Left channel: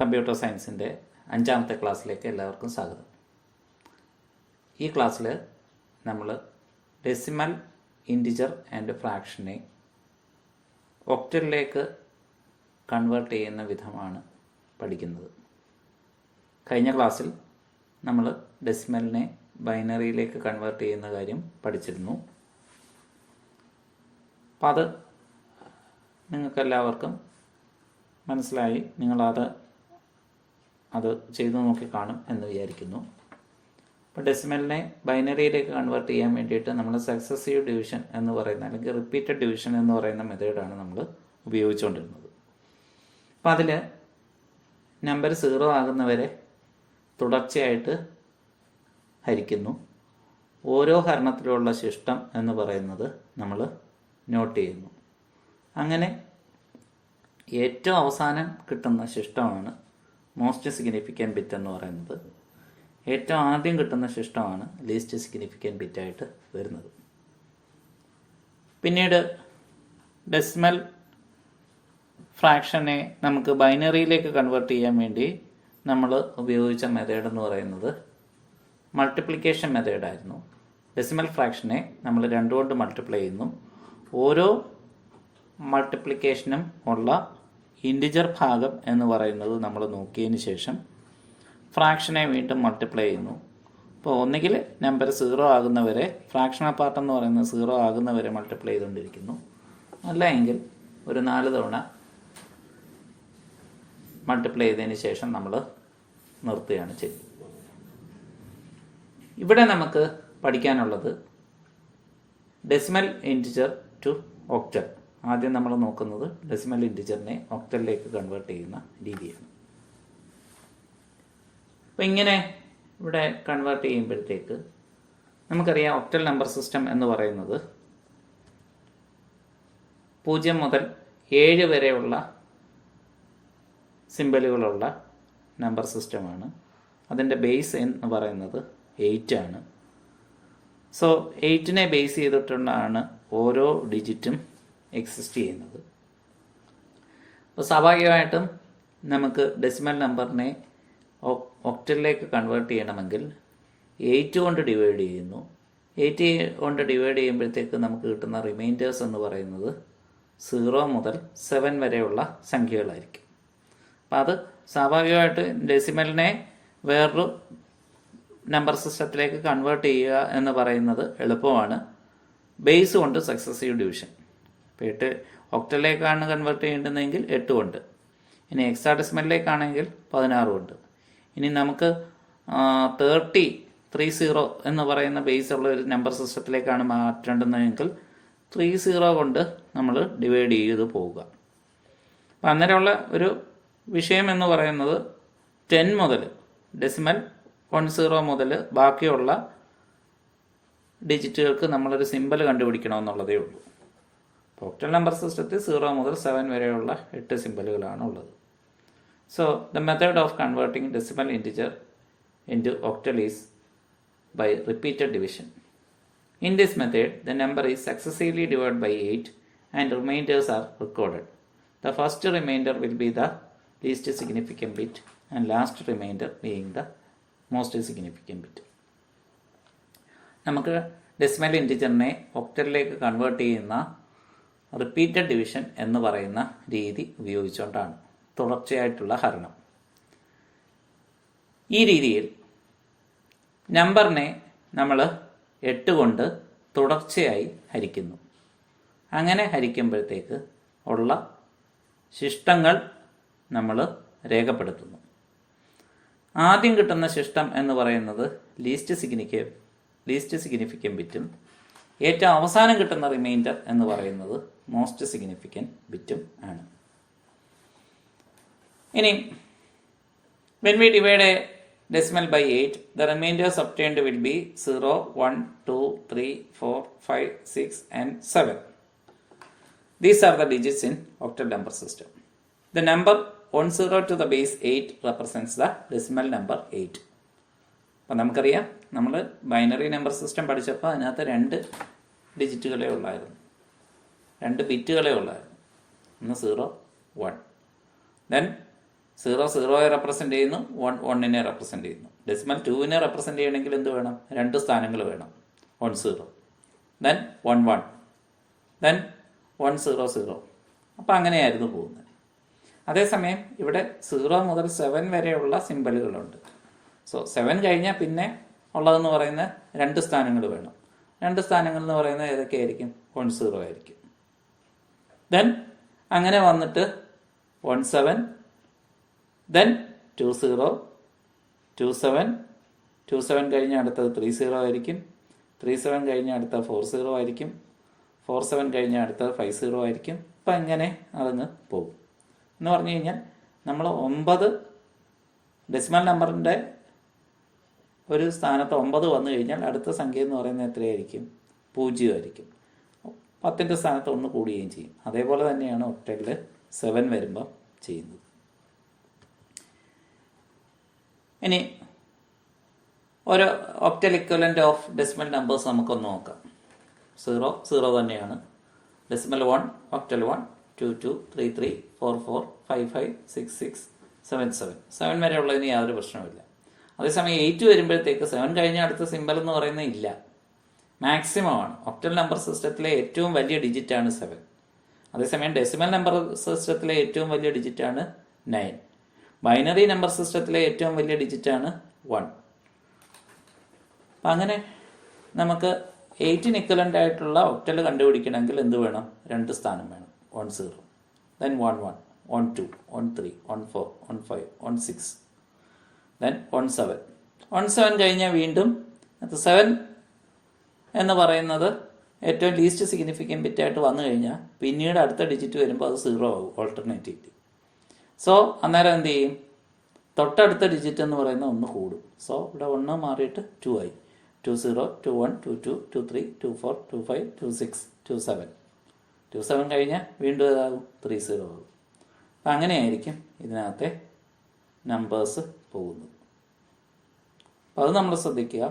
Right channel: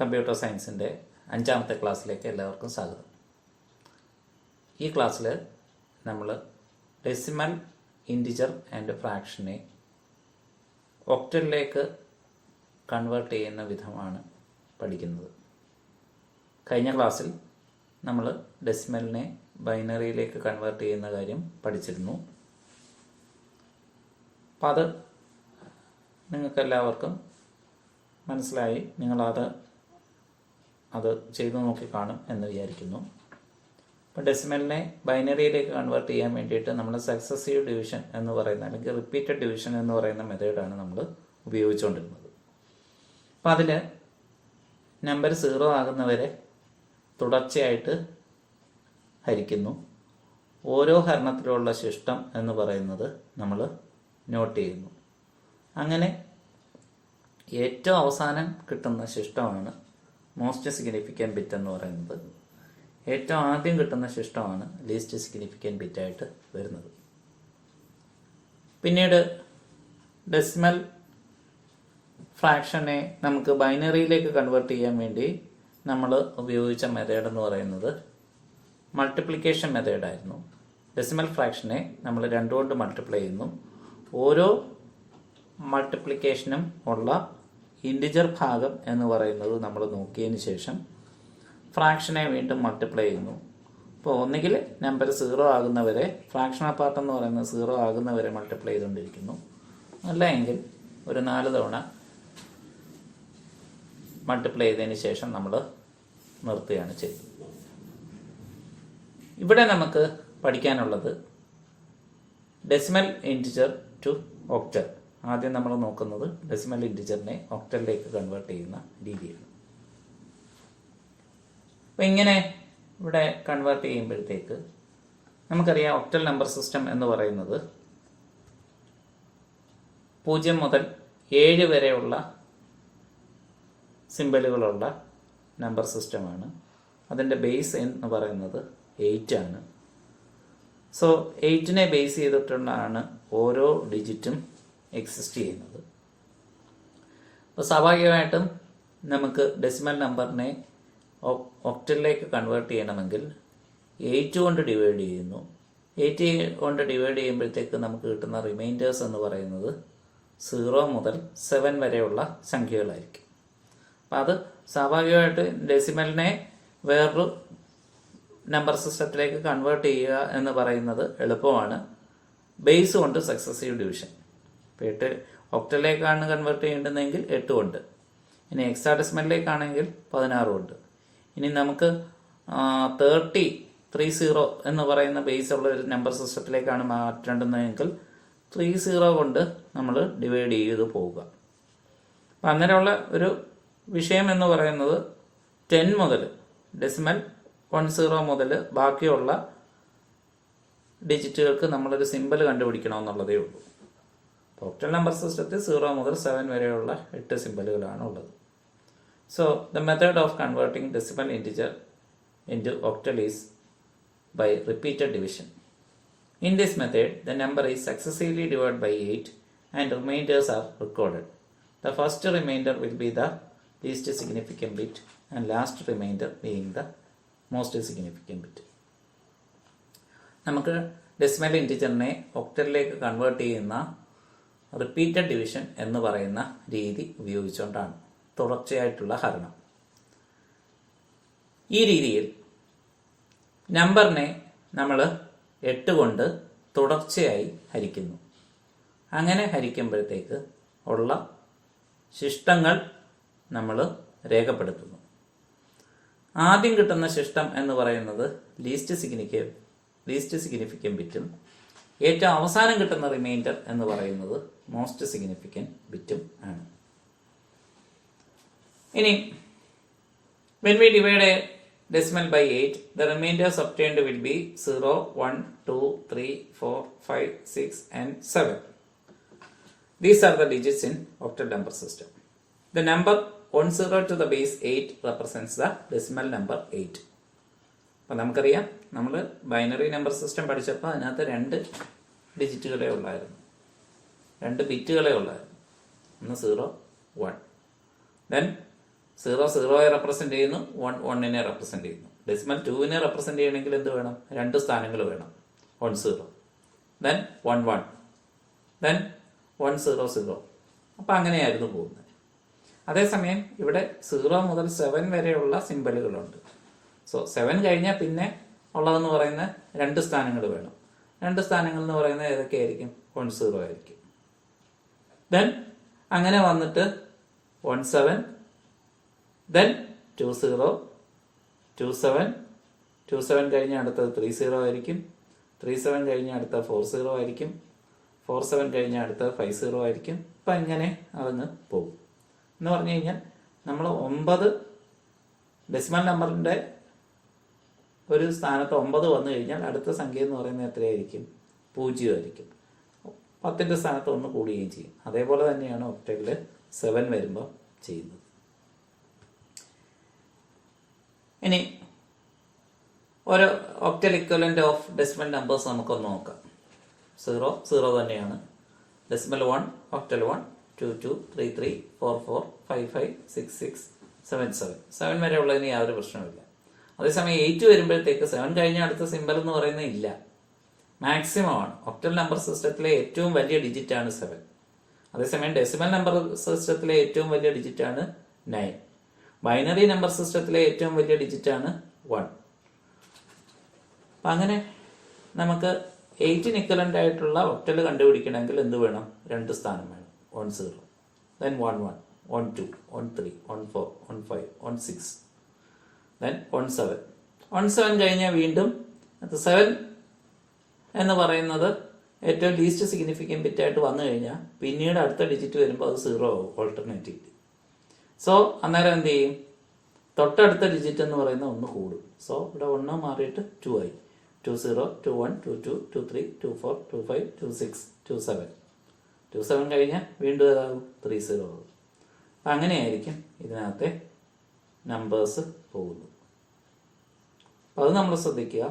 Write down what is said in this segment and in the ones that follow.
Computer സയൻസിൻ്റെ 5ാമത്തെ ക്ലാസ്സിലേക്ക് എല്ലാവർക്കും സ്വാഗതം. ഈ ക്ലാസ്സിൽ നമ്മൾ ഡെസിമൽ, ഇൻറ്റിജർ ആൻഡ് ഫ്രാക്ഷനെ ഒക്ടലിലേക്ക് കൺവേർട്ട് ചെയ്യുന്ന വിധമാണ് പഠിക്കുന്നത്. കഴിഞ്ഞ ക്ലാസ്സിൽ നമ്മൾ ഡെസിമലിനെ ബൈനറിയിലേക്ക് കൺവേർട്ട് ചെയ്യുന്ന കാര്യം പഠിച്ചിരുന്നു. അപ്പം അത് നിങ്ങൾക്കെല്ലാവർക്കും മനസ്സിലായി. നിങ്ങളത് ചെയ്തു നോക്കി കാണും എന്ന് വിചാരിക്കുന്നു. അപ്പോൾ ഡെസിമലിനെ ബൈനറിയിലേക്ക് കൺവേർട്ട് ചെയ്യാൻ വേണ്ടിയിട്ട് നമ്മൾ സക്സസീവ് ഡിവിഷൻ എന്ന് പറയുന്ന അല്ലെങ്കിൽ റിപ്പീറ്റഡ് ഡിവിഷൻ എന്ന് പറയുന്ന മെത്തേഡാണ് നമ്മൾ ഉപയോഗിച്ചുകൊണ്ടിരുന്നത്. അപ്പോൾ അതിൽ നമ്പർ 0 ആകുന്നവരെ തുടർച്ചയായിട്ട് ഹരിക്കുന്നു. ഓരോ ഹരണത്തിലുള്ള ശിഷ്ടം എന്ന് പറയുന്നത് നമ്മൾ നോട്ട് ചെയ്യുന്നു. അങ്ങനെ ഏറ്റവും അവസാനം കിട്ടുന്ന ശിഷ്ടമാണ് മോസ്റ്റ് സിഗ്നിഫിക്കൻറ്റ് ബിറ്റ് എന്ന് പറയുന്നത്. ഏറ്റവും ആദ്യം കിട്ടുന്ന ശിഷ്ടമാണ് ലീസ്റ്റ് സിഗ്നിഫിക്കൻറ്റ് ബിറ്റായിട്ട് വരുന്നത്. പിന്നീട് ഡെസിമൽ ഫ്രാക്ഷനെ നമുക്ക് ബൈനറിയിലേക്ക് കൺവേർട്ട് ചെയ്യാൻ വേണ്ടി നമ്മൾ ഉപയോഗിച്ച മെത്തേഡ് എന്ന് പറയുന്നത് മൾട്ടിപ്ലിക്കേഷൻ മെത്തേഡായിരുന്നു. ഡെസിമൽ ഫ്രാക്ഷനെ നമ്മൾ 2 കൊണ്ട് മൾട്ടിപ്ലൈ ചെയ്യുന്നു. ഓരോ മൾട്ടിപ്ലിക്കേഷനും ഉള്ള ഇൻറ്റിജർ ഭാഗം എന്ന് പറയുന്നത് നമ്മൾ നോക്കിയതിന് ശേഷം ഫ്രാക്ഷനെ വീണ്ടും മൾട്ടിപ്ലൈ ചെയ്യുന്നു. അപ്പോൾ ഒന്നുകിൽ നമ്പർ 0 ആകുന്നവരെ, ഫ്രാക്ഷണൽ പാർട്ട് എന്ന് പറയുന്നത് 0 ആകുന്നവരെ മൾട്ടിപ്ലൈ ചെയ്തുകൊണ്ടിരിക്കുന്നു. അല്ല എങ്കിൽ ഒരു 4 തവണ മൾട്ടിപ്ലൈ ചെയ്തതിന് ശേഷം നമ്മൾ നിർത്തുകയാണ് ചെയ്യുന്നത്. ഇവിടെ നമുക്ക് പഠിക്കാനുള്ളത് ഡെസിമൽ ഇൻറ്റിജർ ടു ഒക്ടൽ. ആദ്യം നമ്മൾ നോക്കുന്നത് ഡെസിമൽ ഇൻറ്റിജറിനെ ഒക്ടലിലേക്ക് കൺവേർട്ട് ചെയ്യുന്ന രീതിയാണ്. അപ്പോൾ ഇങ്ങനെ ഇവിടെ കൺവേർട്ട് ചെയ്യുമ്പോഴത്തേക്ക് നമുക്കറിയാം ഒക്ടൽ നമ്പർ സിസ്റ്റം എന്ന് പറയുന്നത് 0 മുതൽ 7 വരെയുള്ള സിമ്പലുകളുള്ള നമ്പർ സിസ്റ്റമാണ്. അതിൻ്റെ ബേസ് എന്ന് പറയുന്നത് 8 ആണ്. സോ 8നെ ബേസ് ചെയ്തിട്ടാണ് ഓരോ ഡിജിറ്റും എക്സിസ്റ്റ് ചെയ്യുന്നത്. അപ്പോൾ സ്വാഭാവികമായിട്ടും നമുക്ക് ഡെസിമൽ നമ്പറിനെ ഒക്ടലിലേക്ക് കൺവേർട്ട് ചെയ്യണമെങ്കിൽ 8 കൊണ്ട് ഡിവൈഡ് ചെയ്യുന്നു. 8 കൊണ്ട് ഡിവൈഡ് ചെയ്യുമ്പോഴത്തേക്ക് നമുക്ക് കിട്ടുന്ന റിമൈൻഡേഴ്സ് എന്ന് പറയുന്നത് 0 മുതൽ 7 വരെയുള്ള സംഖ്യകളായിരിക്കും. അപ്പോൾ അത് സ്വാഭാവികമായിട്ട് ഡെസിമലിനെ വേറൊരു നമ്പർ സിസ്റ്റത്തിലേക്ക് കൺവേർട്ട് ചെയ്യുക എന്ന് പറയുന്നത് എളുപ്പമാണ്. ബേസ് കൊണ്ട് സക്സസീവ് ഡിവിഷൻ. ഇപ്പോൾ 8 ഒക്ടലിലേക്കാണ് കൺവേർട്ട് ചെയ്യേണ്ടതെങ്കിൽ 8 കൊണ്ട്, ഇനി ഹെക്സാഡെസിമലിലേക്കാണെങ്കിൽ 16 കൊണ്ട്. ഇനി നമുക്ക് 30 എന്ന് പറയുന്ന ബേസ് ഉള്ള ഒരു നമ്പർ സിസ്റ്റത്തിലേക്കാണ് മാറ്റേണ്ടതെങ്കിൽ 30 കൊണ്ട് നമ്മൾ ഡിവൈഡ് ചെയ്ത് പോവുക. അപ്പം അങ്ങനെയുള്ള ഒരു വിഷയം എന്ന് പറയുന്നത് 10 മുതൽ ഡെസിമൽ 10 മുതൽ ബാക്കിയുള്ള ഡിജിറ്റുകൾക്ക് നമ്മളൊരു സിമ്പൽ കണ്ടുപിടിക്കണമെന്നുള്ളതേ ഉള്ളൂ. ഒക്ടൽ നമ്പർ സിസ്റ്റത്തിൽ 0 മുതൽ 7 വരെയുള്ള 8 സിമ്പലുകളാണ് ഉള്ളത്. So the method of converting decimal integer into octal is by repeated division. In this method the number is successively divide by 8 and remainders are recorded. The first remainder will be the least significant bit and last remainder being the most significant bit. നമുക്ക് decimal ഇൻറ്റിജറിനെ ഒക്ടലിലേക്ക് convert ചെയ്യുന്ന repeated division എന്ന് പറയുന്ന രീതി ഉപയോഗിച്ചുകൊണ്ടാണ്, തുടർച്ചയായിട്ടുള്ള ഹരണം. ഈ രീതിയിൽ നമ്പറിനെ നമ്മൾ 8 കൊണ്ട് തുടർച്ചയായി ഹരിക്കുന്നു. അങ്ങനെ ഹരിക്കുമ്പോഴത്തേക്ക് ഉള്ള ശിഷ്ടങ്ങൾ നമ്മൾ രേഖപ്പെടുത്തുന്നു. ആദ്യം കിട്ടുന്ന ശിഷ്ടം എന്ന് പറയുന്നത് ലീസ്റ്റ് സിഗ്നിഫിക്കൻറ്റ് ബിറ്റും ഏറ്റവും അവസാനം കിട്ടുന്ന റിമൈൻഡർ എന്ന് പറയുന്നത് മോസ്റ്റ് സിഗ്നിഫിക്കൻറ്റ് ബിറ്റും ആണ്. ഇനി when we divide a decimal by 8, the remainders obtained will be 0, 1, 2, 3, 4, 5, 6 and 7. These are the digits in octal number system. The number 10 to the base 8 represents the decimal number 8. അപ്പം നമുക്കറിയാം, നമ്മൾ binary number system പഠിച്ചപ്പോൾ അതിനകത്ത് 2 ഡിജിറ്റുകളേ ഉള്ളായിരുന്നു, 2 ബിറ്റുകളേ ഉള്ളായിരുന്നു. ഒന്ന് 0, 1. Then സീറോയെ represent ചെയ്യുന്നു, 1 represent ചെയ്യുന്നു. ഡെസിമൽ 2 റെപ്രസെൻ്റ് ചെയ്യണമെങ്കിൽ എന്ത് വേണം? 2 സ്ഥാനങ്ങൾ വേണം. 1 0, ദെൻ 1 1, ദെൻ 1 0 0. അപ്പം അങ്ങനെയായിരുന്നു പോകുന്നത്. അതേസമയം ഇവിടെ 0 മുതൽ 7 വരെയുള്ള സിമ്പലുകളുണ്ട്. സോ 7 കഴിഞ്ഞാൽ പിന്നെ ഉള്ളതെന്ന് പറയുന്ന 2 സ്ഥാനങ്ങൾ വേണം. 2 സ്ഥാനങ്ങൾ എന്ന് പറയുന്നത് ഏതൊക്കെയായിരിക്കും? 1 0 ആയിരിക്കും. ദെൻ അങ്ങനെ വന്നിട്ട് 1 7, ദെൻ 2 0, 2 7, 2 7 കഴിഞ്ഞ അടുത്തത് 3 0 ആയിരിക്കും. 3 7 കഴിഞ്ഞ അടുത്ത 4 0 ആയിരിക്കും. 4 7 കഴിഞ്ഞ അടുത്തത് 5 0 ആയിരിക്കും. അപ്പം ഇങ്ങനെ അതങ്ങ് പോകും. എന്ന് പറഞ്ഞു കഴിഞ്ഞാൽ നമ്മൾ 9 ഡെസിമൽ നമ്പറിൻ്റെ ഒരു സ്ഥാനത്ത് 9 വന്നു കഴിഞ്ഞാൽ അടുത്ത സംഖ്യ എന്ന് പറയുന്നത് എത്രയായിരിക്കും? 0 ആയിരിക്കും. 10ൻ്റെ സ്ഥാനത്ത് 1 കൂടുകയും ചെയ്യും. അതേപോലെ തന്നെയാണ് ഒക്ടലിൽ 7 വരുമ്പോൾ ചെയ്യുന്നത്. ഇനി ഒരു octal equivalent of decimal numbers നമുക്കൊന്ന് നോക്കാം. 0 0 തന്നെയാണ്. Decimal 1 octal 1 2 2 3 3 4 4 5 5 6 6 7 7. 7 വരെയുള്ളതിന് യാതൊരു പ്രശ്നമില്ല. അതേസമയം 8 വരുമ്പോഴത്തേക്ക് 7 കഴിഞ്ഞ അടുത്ത സിമ്പൽ എന്ന് പറയുന്നത് ഇല്ല, മാക്സിമം ആണ്. ഒക്ടൽ നമ്പർ സിസ്റ്റത്തിലെ ഏറ്റവും വലിയ ഡിജിറ്റാണ് 7. അതേസമയം ഡെസിമൽ നമ്പർ സിസ്റ്റത്തിലെ ഏറ്റവും വലിയ ഡിജിറ്റാണ് 9. ബൈനറി നമ്പർ സിസ്റ്റത്തിലെ ഏറ്റവും വലിയ ഡിജിറ്റാണ് 1. അപ്പം അങ്ങനെ നമുക്ക് 8 ഇക്വലൻ്റ് ആയിട്ടുള്ള ഒക്ടൽ കണ്ടുപിടിക്കണമെങ്കിൽ എന്ത് വേണം? 2 സ്ഥാനം വേണം. 1 0, ദെൻ 1 1, 1 2, 1 3, 1 4, 1 5, 1 6, ദെൻ 1 7. 1 7 കഴിഞ്ഞാൽ വീണ്ടും 7 എന്ന് പറയുന്നത് ഏറ്റവും ലീസ്റ്റ് സിഗ്നിഫിക്കൻറ്റ് ബിറ്റ് ആയിട്ട് വന്നു കഴിഞ്ഞാൽ പിന്നീട് അടുത്ത ഡിജിറ്റ് വരുമ്പോൾ അത് 0 ആവും ഓൾട്ടർനേറ്റീവ്ലി. സോ അന്നേരം എന്ത് ചെയ്യും? തൊട്ടടുത്ത ഡിജിറ്റ് എന്ന് പറയുന്ന 1 കൂടും. സോ ഇവിടെ 1 മാറിയിട്ട് 2 ആയി. 2 0, 2 1, 2 2, 2 3, 2 4, 2 5, 2 6, 2 7. 2 7 കഴിഞ്ഞാൽ വീണ്ടും ഏതാകും? 3 0 ആകും. അപ്പം അങ്ങനെയായിരിക്കും ഇതിനകത്തെ നമ്പേഴ്സ് പോകുന്നത്. അപ്പം അത് നമ്മൾ ശ്രദ്ധിക്കുക.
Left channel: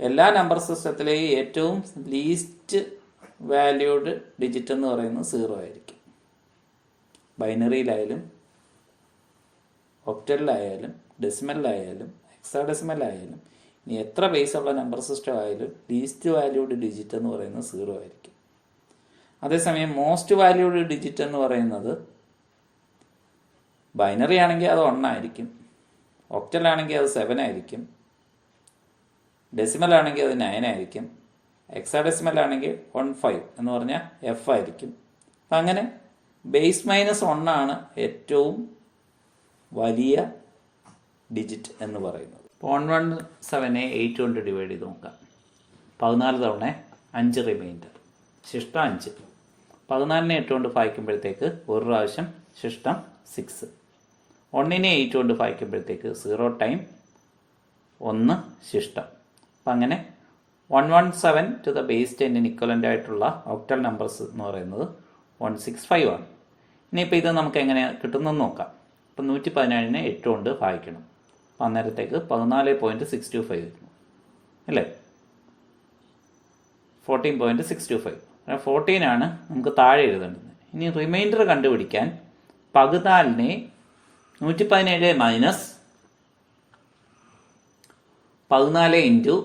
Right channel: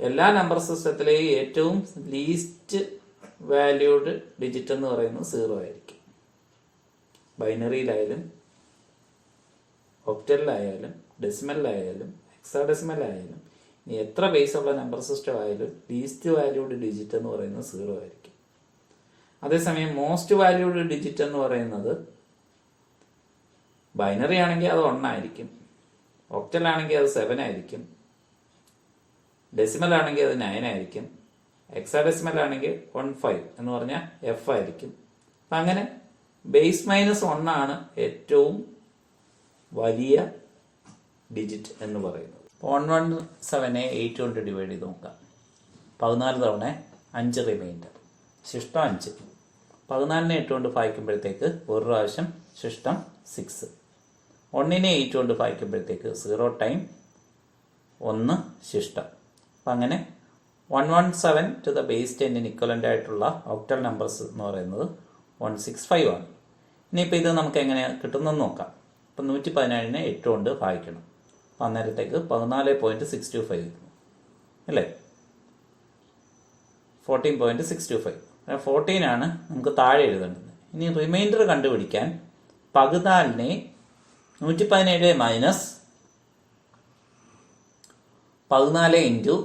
എല്ലാ നമ്പർ സിസ്റ്റത്തിലെയും ഏറ്റവും ലീസ്റ്റ് വാല്യൂഡ് ഡിജിറ്റ് എന്ന് പറയുന്നത് 0 ആയിരിക്കും. ബൈനറിയിലായാലും ഒക്ടലിലായാലും ഡെസിമലിലായാലും ഹെക്സാഡെസിമലിലായാലും ഇനി എത്ര ബേസുള്ള നമ്പർ സിസ്റ്റം ആയാലും ലീസ്റ്റ് വാല്യൂഡ് ഡിജിറ്റ് എന്ന് പറയുന്നത് 0 ആയിരിക്കും. അതേസമയം മോസ്റ്റ് വാല്യൂഡ് ഡിജിറ്റ് എന്ന് പറയുന്നത് ബൈനറി ആണെങ്കിൽ അത് 1 ആയിരിക്കും, ഒക്ടലാണെങ്കിൽ അത് 7 ആയിരിക്കും, ഡെസിമൽ ആണെങ്കിൽ അത് 9 ആയിരിക്കും, ഹെക്സാഡെസിമൽ ആണെങ്കിൽ 15 എന്ന് പറഞ്ഞാൽ F ആയിരിക്കും. അപ്പം അങ്ങനെ ബേസ് -1 ആണ് ഏറ്റവും വലിയ ഡിജിറ്റ് എന്ന് പറയുന്നത്. 117നെ 8 കൊണ്ട് ഡിവൈഡ് ചെയ്ത് നോക്കാം. 14 തവണ 5 റിമൈൻഡർ, ശിഷ്ടം 5. 14നെ 8 കൊണ്ട് ഭാഗിക്കുമ്പോഴത്തേക്ക് ഒരു പ്രാവശ്യം ശിഷ്ടം 6. 1നെ 8 കൊണ്ട് ഭാഗിക്കുമ്പോഴത്തേക്ക് 0 ടൈം 1 ശിഷ്ടം. അപ്പം അങ്ങനെ 117 ടു ദ ബേസ് 10 ഇക്വലൻ്റ് ആയിട്ടുള്ള ഒക്ടൽ നമ്പേഴ്സ് എന്ന് പറയുന്നത് 165 ആണ്. ഇനിയിപ്പോൾ ഇത് നമുക്ക് എങ്ങനെ കിട്ടുന്നതെന്ന് നോക്കാം. അപ്പം 117നെ 8 കൊണ്ട് ഭാഗിക്കണം. അപ്പം അന്നേരത്തേക്ക് 14.625 വരുന്നു അല്ലേ? 14.625. 14 ആണ് നമുക്ക് താഴെ എഴുതേണ്ടത്. ഇനി റിമൈൻഡർ കണ്ടുപിടിക്കാൻ 14നെ 117 മൈനസ് 14 ഇൻറ്റു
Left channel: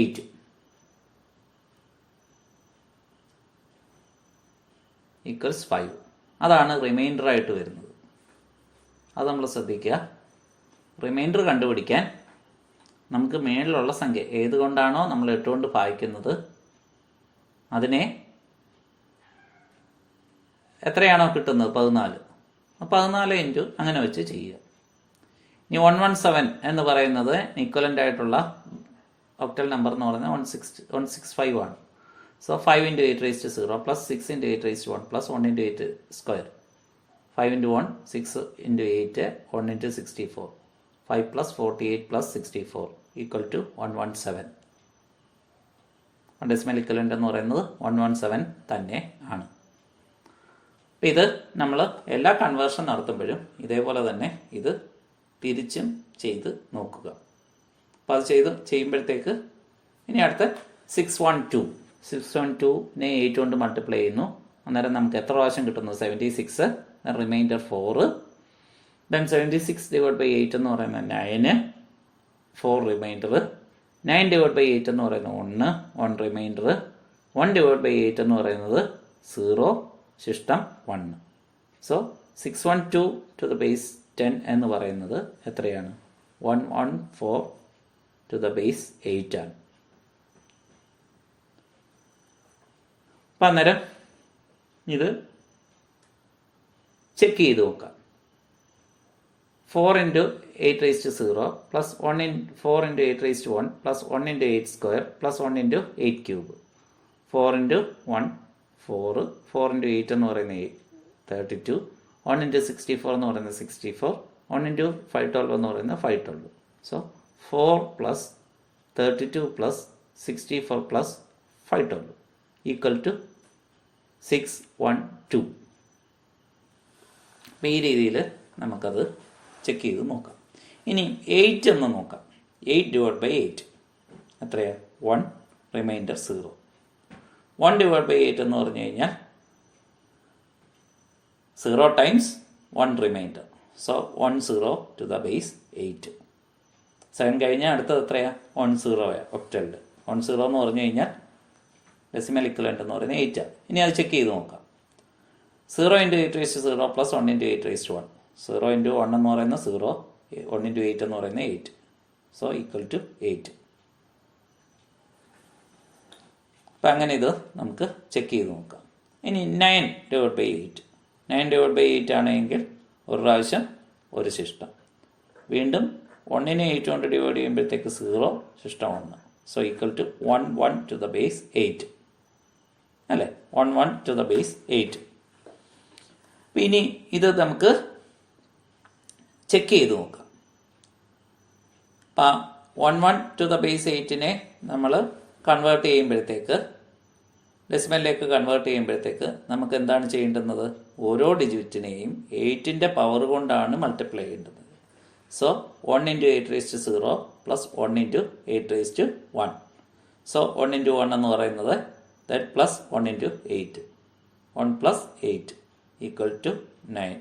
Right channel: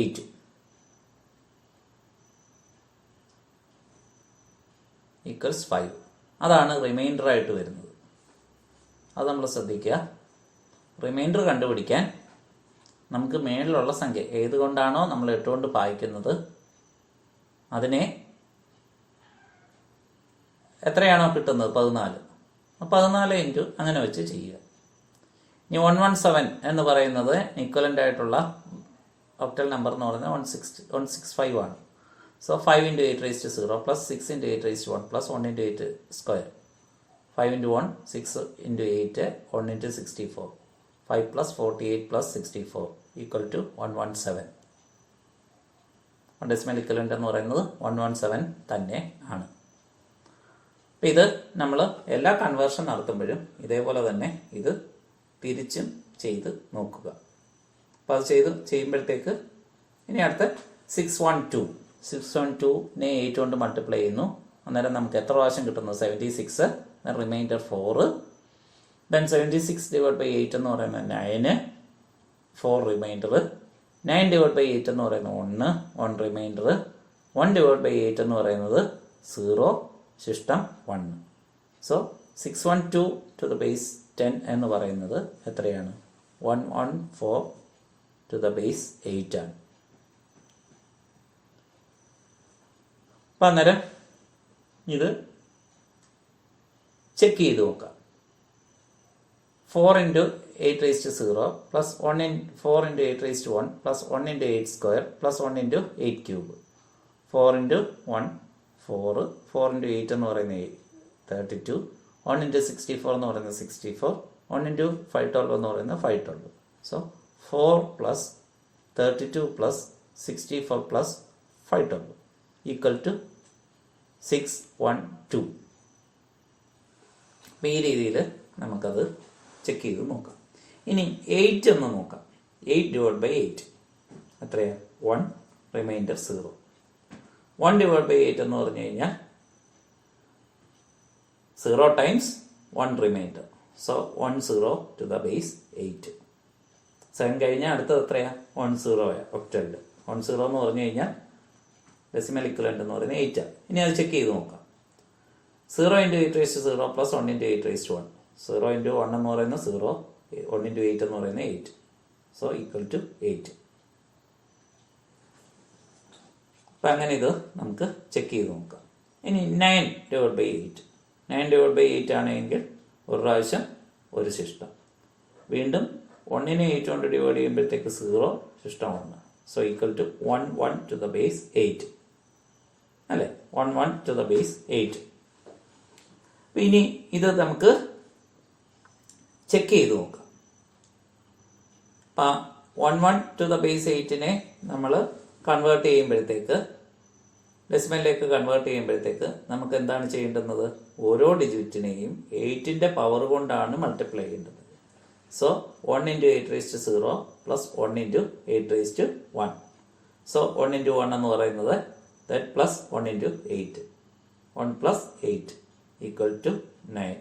8 ഈക്വൽസ് 5. അതാണ് റിമൈൻഡറായിട്ട് വരുന്നത്. അത് നമ്മൾ ശ്രദ്ധിക്കുക. റിമൈൻഡർ കണ്ടുപിടിക്കാൻ നമുക്ക് മേളിലുള്ള സംഖ്യ ഏതുകൊണ്ടാണോ നമ്മൾ 8 കൊണ്ട് ഭാഗിക്കുന്നത് അതിനെ എത്രയാണോ കിട്ടുന്നത് 14, 14 ഇൻറ്റു അങ്ങനെ വെച്ച് ചെയ്യുക. ഇനി 117 എന്ന് പറയുന്നത് ഇക്വലൻ്റ് ആയിട്ടുള്ള ഒക്ടൽ നമ്പർ എന്ന് പറയുന്നത് 165 ആണ്. So 5 × 8 raised to 0 plus 6 × 8 raised to 1 plus 1 × 8 square. 5 × 1 6 × 8 1 × 64. 5 plus 48 plus 64 equal to 117. Decimal equivalent എന്ന് പറയുന്നത് 117 തന്നെ ആണ്. അപ്പം ഇത് നമ്മൾ എല്ലാ കൺവേർഷൻ നടത്തുമ്പോഴും ഇതേപോലെ തന്നെ ഇത് തിരിച്ചും ചെയ്ത് നോക്കുക. അപ്പോൾ അത് ചെയ്യുമ്പോഴത്തേക്ക് ഇനി അടുത്ത 612നെ 8 കൊണ്ട് മൾട്ടിപ്ലൈ ചെയ്യുന്നു. അന്നേരം നമുക്ക് എത്ര പ്രാവശ്യം കിട്ടുന്നു? 76, റിമൈൻഡർ 4. ദെൻ 76 ഡിവൈഡ് ബൈ 8 എന്ന് പറയുന്നത് 9, 4 റിമൈൻഡർ. 9 ഡിവൈഡ് ബൈ 8 എന്ന് പറയുന്നത് 1 റിമൈൻഡർ. 1 ഡിവൈഡ് ബൈ 8 എന്ന് പറയുന്നത് 0, ശിഷ്ടം 1. സോ 612 ടു ദ ബേസ് 10 എന്ന് പറയുന്നത് എത്രയാണ്? 114 ടു ദ ബേസ് 8 ആണ്. അപ്പം അന്നേരം ഇത് ചെക്ക് ചെയ്ത് നോക്കാം. 4 × 8⁻0 plus 4 × 8⁻1 plus 1 × 8 square plus 1 × 8 cube. 4 × 1 4, 4 × 8 എന്ന് പറയുന്നത് 32, 1 × 64 എന്ന് പറയുന്നത് 64, 1 × 512 എന്ന് പറയുന്നത് 512. So 4 plus 32 plus 64 plus 512 equal to 612. അപ്പോൾ ഈ രീതിയിൽ നമുക്കത് ചെക്ക് ചെയ്ത് നോക്കാം. ഇനി 8 എന്ന് നോക്കാം. 8 ഡിവൈഡ് ബൈ 8 എത്രയാണ്? 1, റിമൈൻഡർ 0. 1 ഡിവൈഡ് ബൈ 8 എന്ന് പറഞ്ഞു കഴിഞ്ഞാൽ 0 times 1 remainder. So 10 to the base 8. 7 കഴിഞ്ഞാൽ അടുത്തത് എത്രയാണ്? 10 ഒക്ടലിൽ. 10 എന്ന് പറഞ്ഞു കഴിഞ്ഞാൽ ഡെസിമൽ ഇക്വലൻ്റ് എന്ന് പറയുന്നത് 8 ആണ്. ഇനി അത് ചെക്ക് ചെയ്ത് നോക്കാം. 0 × 8⁻0 പ്ലസ് 1 × 8⁻1. 0 × 1 എന്ന് പറയുന്നത് 0, 1 × 8 എന്ന് പറയുന്നത് 8. So equal to 8. അപ്പം അങ്ങനെ ഇത് നമുക്ക് ചെക്ക് ചെയ്ത് നോക്കാം. ഇനി 9 ഡിവൈഡ് ബൈ 8. 9 ഡിവൈഡ് ബൈ 8 ആണെങ്കിൽ ഒരു പ്രാവശ്യം ഒരു ശിഷ്ടം. വീണ്ടും 1നെ 8 കൊണ്ട് ഡിവൈഡ് ചെയ്യുമ്പോഴത്തേക്ക് 0, ശിഷ്ടം 1. So equal to 1 to the base 8 അല്ലേ? 1 ടു ദ ബേസ് 8. അപ്പം ഇനി ഇത് നമുക്ക് ചെക്ക് ചെയ്ത് നോക്കാം. അപ്പം 1 ടു ദ ബേസ് 8നെ നമ്മൾ കൺവേർട്ട് ചെയ്യുമ്പോഴത്തേക്ക്, ഡെസിമലിലേക്ക് കൺവേർട്ട് ചെയ്യുമ്പോഴത്തേക്ക് നമുക്ക് എന്താണ് ചെയ്യേണ്ടുന്നത്? ഓരോ ഡിജിറ്റിനെയും 8ൻ്റെ പവർ കൊണ്ടാണ് മൾട്ടിപ്ലൈ ചെയ്യേണ്ടത്. So 1 × 8⁻0 plus 1 × 8⁻1. സോ 1 × 1 എന്ന് പറയുന്നത് that plus 1 × 8. 1 plus 8 equal to 9.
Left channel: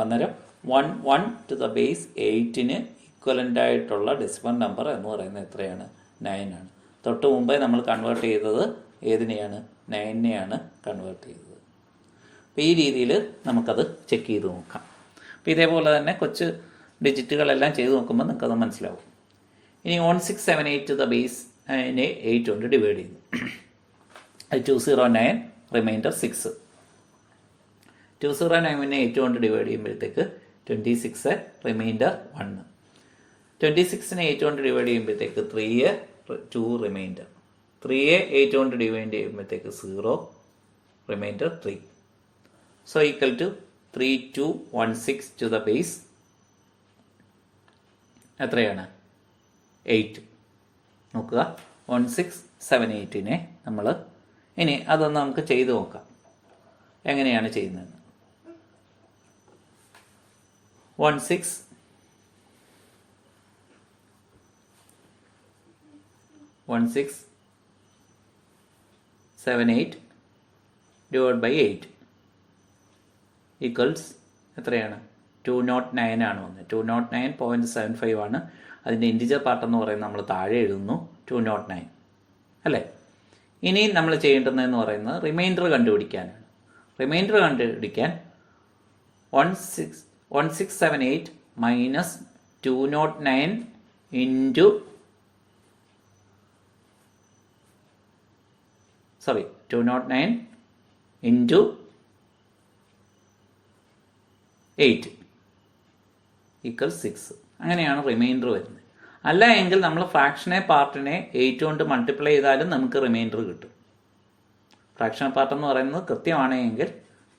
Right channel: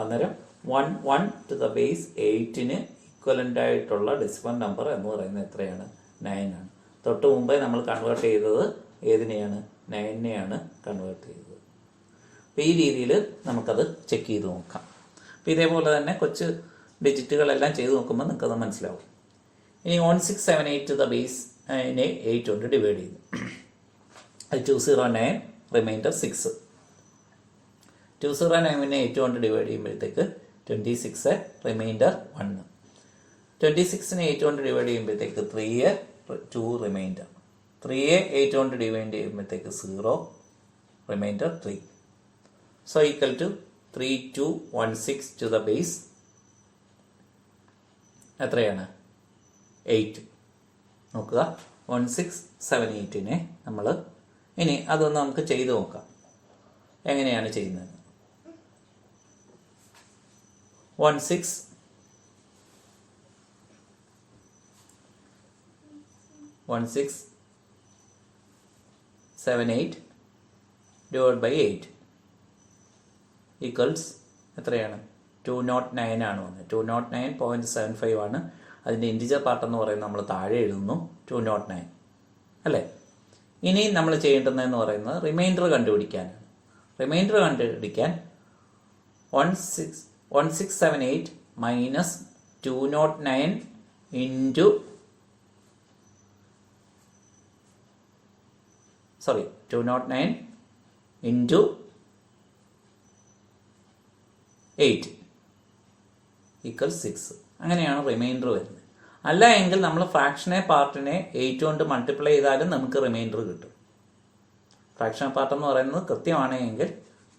അന്നേരം 1 ടു ദ ബേസ് 8ന് ഈക്വലൻ്റ് ആയിട്ടുള്ള ഡെസിമൽ നമ്പർ എന്ന് പറയുന്നത് എത്രയാണ്? 9 ആണ്. തൊട്ട് മുമ്പേ നമ്മൾ കൺവേർട്ട് ചെയ്തത് ഏതിനെയാണ്? 9നെയാണ് കൺവേർട്ട് ചെയ്തത്. അപ്പോൾ ഈ രീതിയിൽ നമുക്കത് ചെക്ക് ചെയ്ത് നോക്കാം. അപ്പോൾ ഇതേപോലെ തന്നെ കൊച്ചു ഡിജിറ്റുകളെല്ലാം ചെയ്ത് നോക്കുമ്പോൾ നിങ്ങൾക്കത് മനസ്സിലാവും. ഇനി 1678 ടു ദ ബേസ് 8 കൊണ്ട് ഡിവൈഡ് ചെയ്തു. അത് 209, റിമൈൻഡർ 6. 209നെ 8 കൊണ്ട് ഡിവൈഡ് ചെയ്യുമ്പോഴത്തേക്ക് 26, റിമൈൻഡർ 1. 26നെ 8 കൊണ്ട് ഡിവൈഡ് ചെയ്യുമ്പോഴത്തേക്ക് 3, 2 റിമൈൻഡർ. 3യെ 8 കൊണ്ട് ഡിവൈഡ് ചെയ്യുമ്പോഴത്തേക്ക് 0, remainder 3. So equal to 3216 to the base എത്രയാണ്? 8. നോക്കുക, 1678നെ നമ്മൾ ഇനി അതൊന്ന് നമുക്ക് ചെയ്ത് നോക്കാം. എങ്ങനെയാണ് ചെയ്യുന്നത്? 1678 ഡിവൈഡ് ബൈ 8 ഈക്വൽസ് എത്രയാണ്? 209 ആണ് വന്നത്. 209.75 ആണ്. അതിൻ്റെ ഇൻറ്റിജർ പാർട്ട് എന്ന് പറയുന്നത് നമ്മൾ താഴെ എഴുതുന്നു 209 അല്ലേ? ഇനി നമ്മൾ ചെയ്യേണ്ടതെന്ന് പറയുന്നത് റിമൈൻഡർ കണ്ടുപിടിക്കാനാണ്. റിമൈൻഡർ കണ്ടുപിടിക്കാൻ 1678 മൈനസ് 209 ഇൻറ്റു 209 ഇൻറ്റു 8 ഈക്വൽ 6. അങ്ങനെയാണ് റിമൈൻഡർ വരുന്നത്. അല്ല എങ്കിൽ നമ്മൾ ഫ്രാക്ഷനെ പാർട്ടിനെ 8 കൊണ്ട് മൾട്ടിപ്ലൈ ചെയ്താലും നമുക്ക് റിമൈൻഡർ കിട്ടും. ഫ്രാക്ഷണൽ പാർട്ട് എന്ന് പറയുന്നത് കൃത്യമാണെങ്കിൽ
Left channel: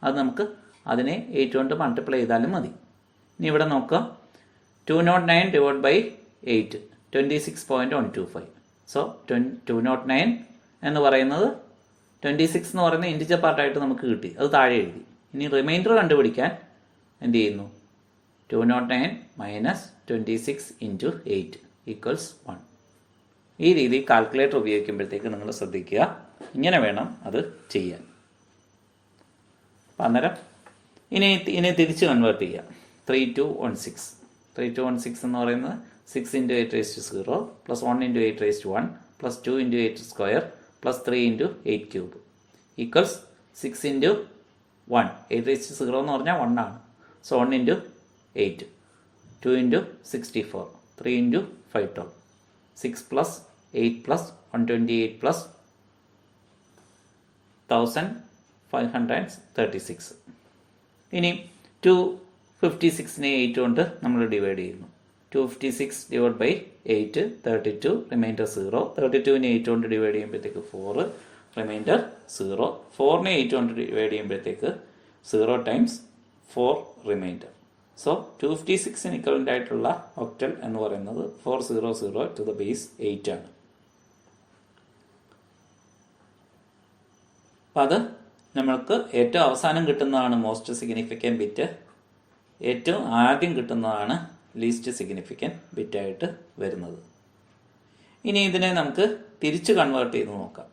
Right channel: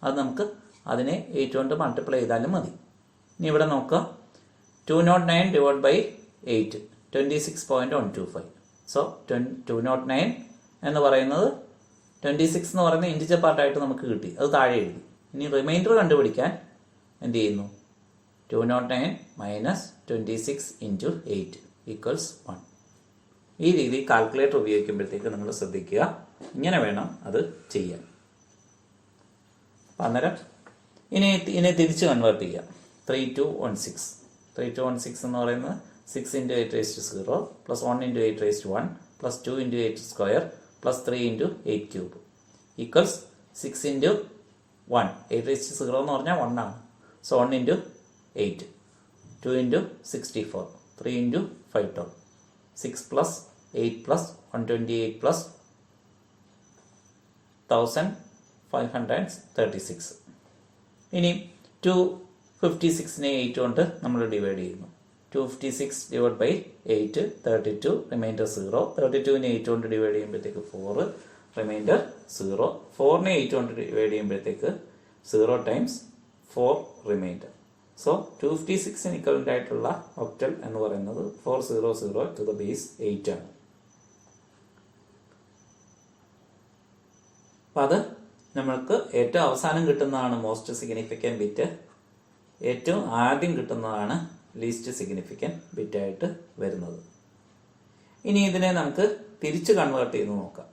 അത് നമുക്ക് അതിനെ 8 കൊണ്ട് മൾട്ടിപ്ലൈ ചെയ്താലും മതി. ഇനി ഇവിടെ നോക്കുക, 209 ഡിവൈഡ് ബൈ 8 26.125. സോ 209 എന്ന് പറയുന്നത് 26 എന്ന് പറയുന്ന ഇൻറ്റിജർ പാർട്ടായിട്ട് നമുക്ക് കിട്ടി. അത് താഴെ എഴുതി. ഇനി റിമൈൻഡർ കണ്ടുപിടിക്കാൻ എന്ത് ചെയ്യുന്നു? 209 മൈനസ് 26 ഇൻറ്റു 8 ഈക്വൽസ് 1. ഈ രീതി കാൽക്കുലേറ്റർ ഉപയോഗിക്കുമ്പോഴത്തേക്ക് നിങ്ങൾ ശ്രദ്ധിക്കുക, ഇങ്ങനെ വേണം അത് ചെയ്യാൻ. അപ്പം അന്നേരം ഇനി തിരിച്ച് കൺവേർട്ട് ചെയ്യാം. 3216 3216 എന്ന് പറയുന്നത് 6 × 8⁻0 plus 1 × 8⁻1 plus 2 × 8 square plus 3 × 8 cube equals 6 × 1 8⁻0 എന്ന് പറഞ്ഞാൽ 1 ആണ്. So 1 × 8 2 × 64 3 × 512 6 plus 8 plus 128 plus 1536. ഇനി 256നെ 8 കൊണ്ട് നമ്മൾ ഡിവൈഡ് ചെയ്യുന്നു. 256 ഡിവൈഡ് ബൈ 8 32 റിമൈൻഡർ 0. 32നെ 8 കൊണ്ട് ഡിവൈഡ് ചെയ്യുമ്പോഴത്തേക്ക് 4 റിമൈൻഡർ 0. 4നെ 8 കൊണ്ട് ഡിവൈഡ് ചെയ്യുമ്പോഴത്തേക്ക് 0 ടൈംസ് 4 റിമൈൻഡർ. സോ 256ന് ഇക്വലൻ്റ് ആയിട്ടുള്ള ഒക്ടൽ എന്ന് പറയുന്നത് 400 ടു ദ ബേസ് 8 ആണ്. അപ്പം അത് നമ്മൾക്ക് ഏറ്റവും അവസാനം കിട്ടുന്നതാണ് മോസ്റ്റ് സിഗ്നിഫിക്കൻറ്റ് ബിറ്റ്, ഏറ്റവും ആദ്യം കിട്ടുന്നതാണ് ലീസ്റ്റ് സിഗ്നിഫിക്കൻറ്റ് ബിറ്റായിട്ട് വരുന്നത്. ഇനി ഇതിനെ നമുക്ക് തിരിച്ച് കൺവേർട്ട് ചെയ്ത് നോക്കാം.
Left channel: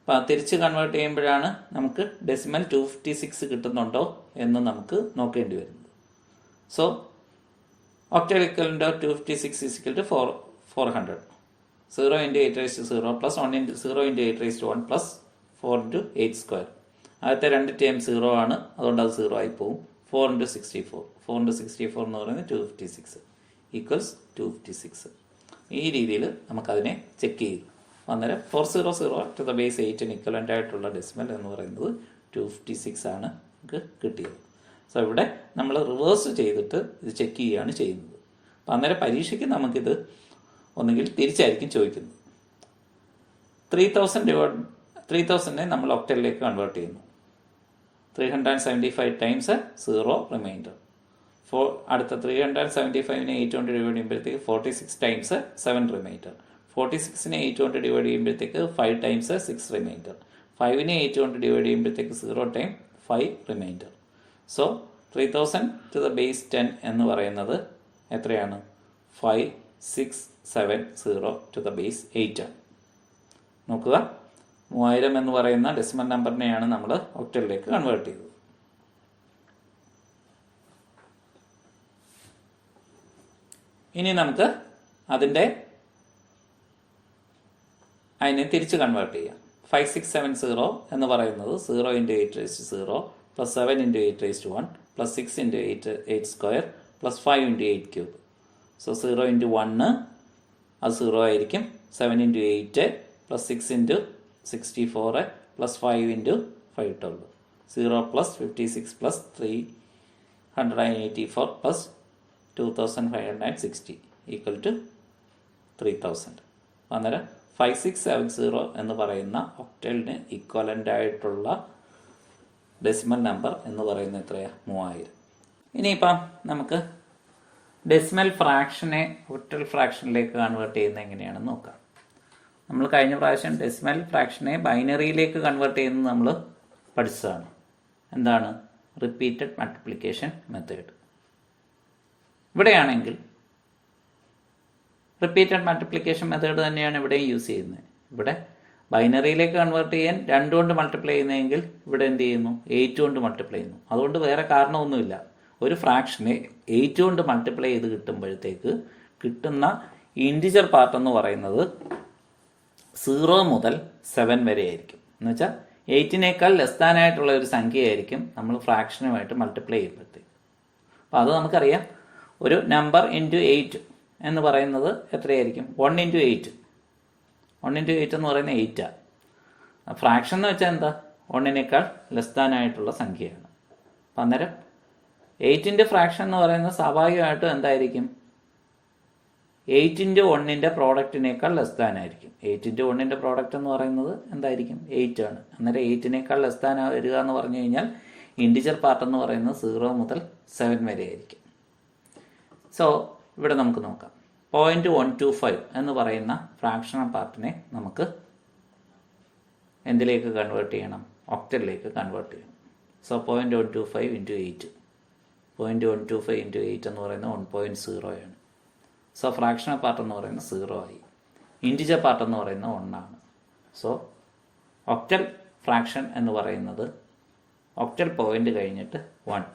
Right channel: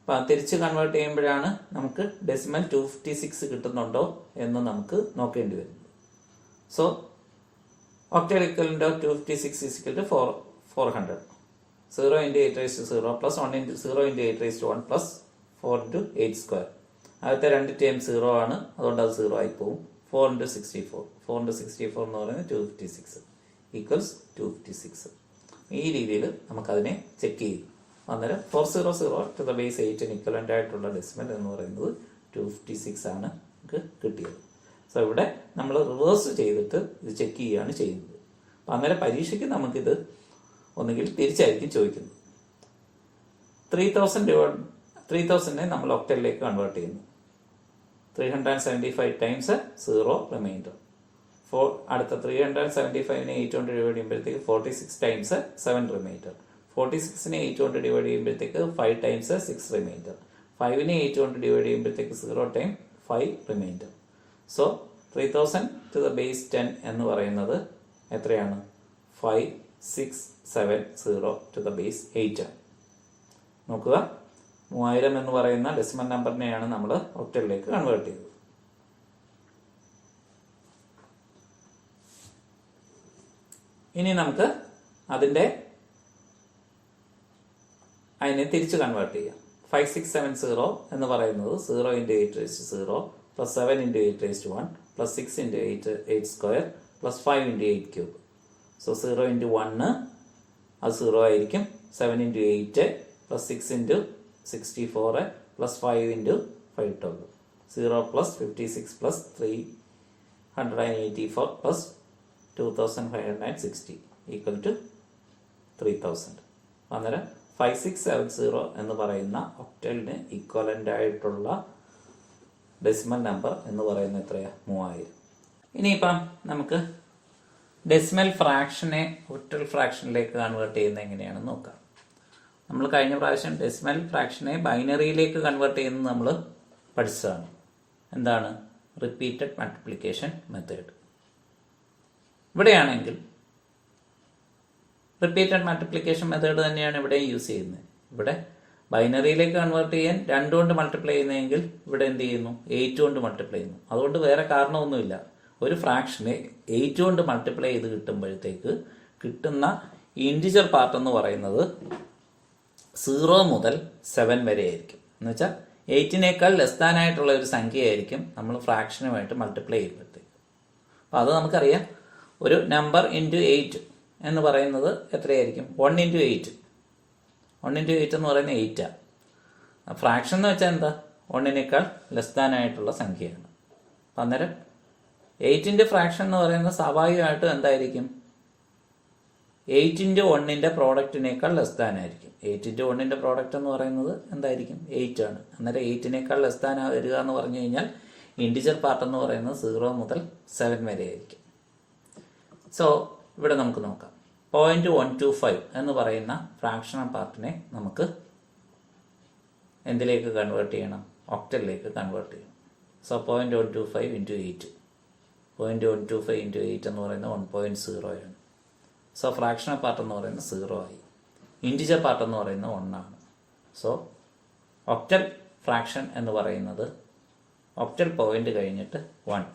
അപ്പം തിരിച്ച് കൺവേർട്ട് ചെയ്യുമ്പോഴാണ് നമുക്ക് ഡെസിമൽ 256 കിട്ടുന്നുണ്ടോ എന്ന് നമുക്ക് നോക്കേണ്ടി വരുന്നത്. So octal equivalent of 256 is equal to 400. 0 × 8⁻0 plus 1 × 0 × 8⁻1 plus 4 × 8 square. ആദ്യത്തെ 2 ടൈം 0 ആണ്, അതുകൊണ്ട് അത് 0 ആയി പോകും. 4 × 64 4 × 64 എന്ന് പറയുന്നത് 256 ഈക്വൽസ് 256. ഈ രീതിയിൽ നമുക്കതിനെ ചെക്ക് ചെയ്തു. അന്നേരം 400 ടു ദ ബേസ് 8 ഇക്വലൻ്റ് ആയിട്ടുള്ള ഡെസിമൽ എന്ന് പറയുന്നത് 256 ആണ് നമുക്ക് കിട്ടിയത്. സോ ഇവിടെ നമ്മൾ റിവേഴ്സ് ചെയ്തിട്ട് ഇത് ചെക്ക് ചെയ്യുകയാണ് ചെയ്യുന്നത്. അപ്പം അന്നേരം പരീക്ഷയ്ക്ക് നമുക്കിത് ഒന്നുകിൽ തിരിച്ചായിരിക്കും ചോദിക്കുന്നത്. 3000നെ നമ്മൾ ഒക്ടലിലേക്ക് കൺവേർട്ട് ചെയ്യുന്നു. 375 ടൈംസ് 0 റിമൈൻഡർ. അടുത്ത 375നെ 8 കൊണ്ട് ഡിവൈഡ് ചെയ്യുമ്പോഴത്തേക്ക് 46 ടൈംസ് 7 റിമൈൻഡർ. 46നെ 8 കൊണ്ട് ഡിവൈഡ് ചെയ്യുമ്പോഴത്തേക്ക് 5 ടൈംസ് 6 റിമൈൻഡർ. 5നെ 8 കൊണ്ട് ഡിവൈഡ് ചെയ്യുമ്പോഴത്തേക്ക് 0 time 5 remainder. So 3000 to the base 10 എന്ന് പറയുന്നത് എത്രയാണ്? 5670 ടു ദ ബേസ് 8 ആണ്. നോക്കുക, 3000 എന്ന് പറയുന്ന ഡെസിമൽ നമ്പറിനെയാണ് നമ്മൾ ഒക്ടലിലേക്ക് കൺവേർട്ട് ചെയ്തത്. ഇനി നമുക്ക് അതിനെ തിരിച്ച് കൺവേർട്ട് ചെയ്യാം. 5670 എന്ന് പറയുന്നത് 0 × 8⁻0 plus 7 × 8⁻1 plus 6 × 8 square plus 5 × 8 cube. So 0 × 1 അത് 0 ആയിരിക്കും. 7 × 8 plus 6 × 64 plus 5 × 512 0 plus 56 plus 384 plus 2560 equal to 3000. അന്നേരം 5670 എന്ന് പറയുന്ന ഒക്ടലിന് ഇക്വലൻ്റ് ആയിട്ടുള്ള ഡെസിമൽ നമ്പർ എന്ന് പറയുന്നത് എത്രയാണ്? 3000. ഇനിയിപ്പം നമുക്ക് ഡെസിമൽ ഫ്രാക്ഷനെ ഒക്ടൽ ഫ്രാക്ഷനിലേക്ക് കൺവേർട്ട് ചെയ്യുന്നത് എങ്ങനെയാണെന്ന് നോക്കാം. നമ്മൾ കഴിഞ്ഞ പ്രാവശ്യം ഡെസിമൽ ഫ്രാക്ഷനെ ബൈനറിയിലേക്ക് കൺവേർട്ട് ചെയ്യുന്നത് നമ്മൾ പഠിച്ചതാണ്. എന്താണ്? Repeated multiplication method. ഇവിടെയാണെങ്കിൽ റിപ്പീറ്റഡ് മൾട്ടിപ്ലിക്കേഷൻ മെത്തേഡ് തന്നെയാണ് ഇവിടെ യൂസ് ചെയ്യുന്നത്. ഇവിടെ ബൈനറിയിലേക്ക് കൺവേർട്ട് ചെയ്യാൻ 2 കൊണ്ട് മൾട്ടിപ്ലൈ ചെയ്യുന്നതെങ്കിൽ ഇവിടെ എന്ത് ചെയ്യുന്നു? 8 കൊണ്ട് മൾട്ടിപ്ലൈ ചെയ്യുന്നു. അതുകൊണ്ട് വേറെ കാരണമൊന്നുമില്ല. ഒരു ഫ്രാക്ഷനെ 8 കൊണ്ട് മൾട്ടിപ്ലൈ ചെയ്ത് കിട്ടുമ്പോഴത്തേക്ക് കിട്ടുന്ന ഇൻറ്റിജർ പാർട്ട് എന്ന് പറയുന്നത് 0 മുതൽ 7 വരെ ആയിരിക്കും. എന്നുവെച്ചാൽ 8നേക്കാൾ ലെസ് ദാൻ ആയിട്ടുള്ള ഒരു സംഖ്യയായിരിക്കും നമ്മൾ ഫ്രാക്ഷനുമായിട്ട് മൾട്ടിപ്ലൈ ചെയ്യുമ്പോഴത്തേക്ക്. അപ്പോൾ അത് നമുക്കറിയാം. ഒരു നമ്പർ ഇൻറ്റു 8 എന്ന് പറയുന്നത് എത്രയായിരിക്കും? 1 × 8. 1 × 8 എന്ന് പറയുന്നത് 8ആണ്. ഫ്രാക്ഷൻ എന്ന് വെച്ചാൽ എന്താ? 1നേക്കാൾ ലെസ് ദാൻ ആയിട്ടുള്ള സംഖ്യയാണ്. അപ്പം അന്നേരം 8ൻ്റെ ഫ്രാക്ഷൻ എന്ന് പറയുന്നത് സ്വാഭാവികമായിട്ടും എന്തായിരിക്കും? 8 × 1ൻ്റെ പ്രോഡക്റ്റിനേക്കാൾ ലെസ് ദാൻ ആയിരിക്കും. 8 × 1ൻ്റെ പ്രോഡക്റ്റ് എന്ന് പറയുന്നത് എന്തായിരിക്കും? 8 ആണ്. അന്നേരം 8നേക്കാൾ ലെസ് ദാൻ വരിക എന്ന് പറഞ്ഞു കഴിഞ്ഞാൽ ഇൻറ്റിജർ പാർട്ട് എന്ന് പറയുന്നത് 0 മുതൽ 7 വരെ ആയിരിക്കും. സോ ഇവിടെ നമുക്ക് നോക്കാം. 0.125 എന്ന് പറയുന്ന ഫ്രാക്ഷണൽ പാർട്ടിനെ നമുക്ക് എന്തിലേക്ക് കൺവേർട്ട് ചെയ്യണം? ഒക്ടലിലേക്ക് കൺവേർട്ട് ചെയ്യണം. സോ 0.125 × 8. 0.125 × 8 എന്ന് പറയുന്നത് 1.0 ആണ്. സോ ഫ്രാക്ഷണൽ പാർട്ട് എന്ന് പറയുന്നത് 0 ആയി. ഇൻറ്റിജർ പാർട്ട് എന്ന് പറയുന്നത് 1 ആണ്. സോ ഒക്ടൽ ഫ്രാക്ഷൻ എന്ന് പറയുന്നത് ഒക്ടൽ പോയിന്റ് കഴിഞ്ഞിട്ട് 1.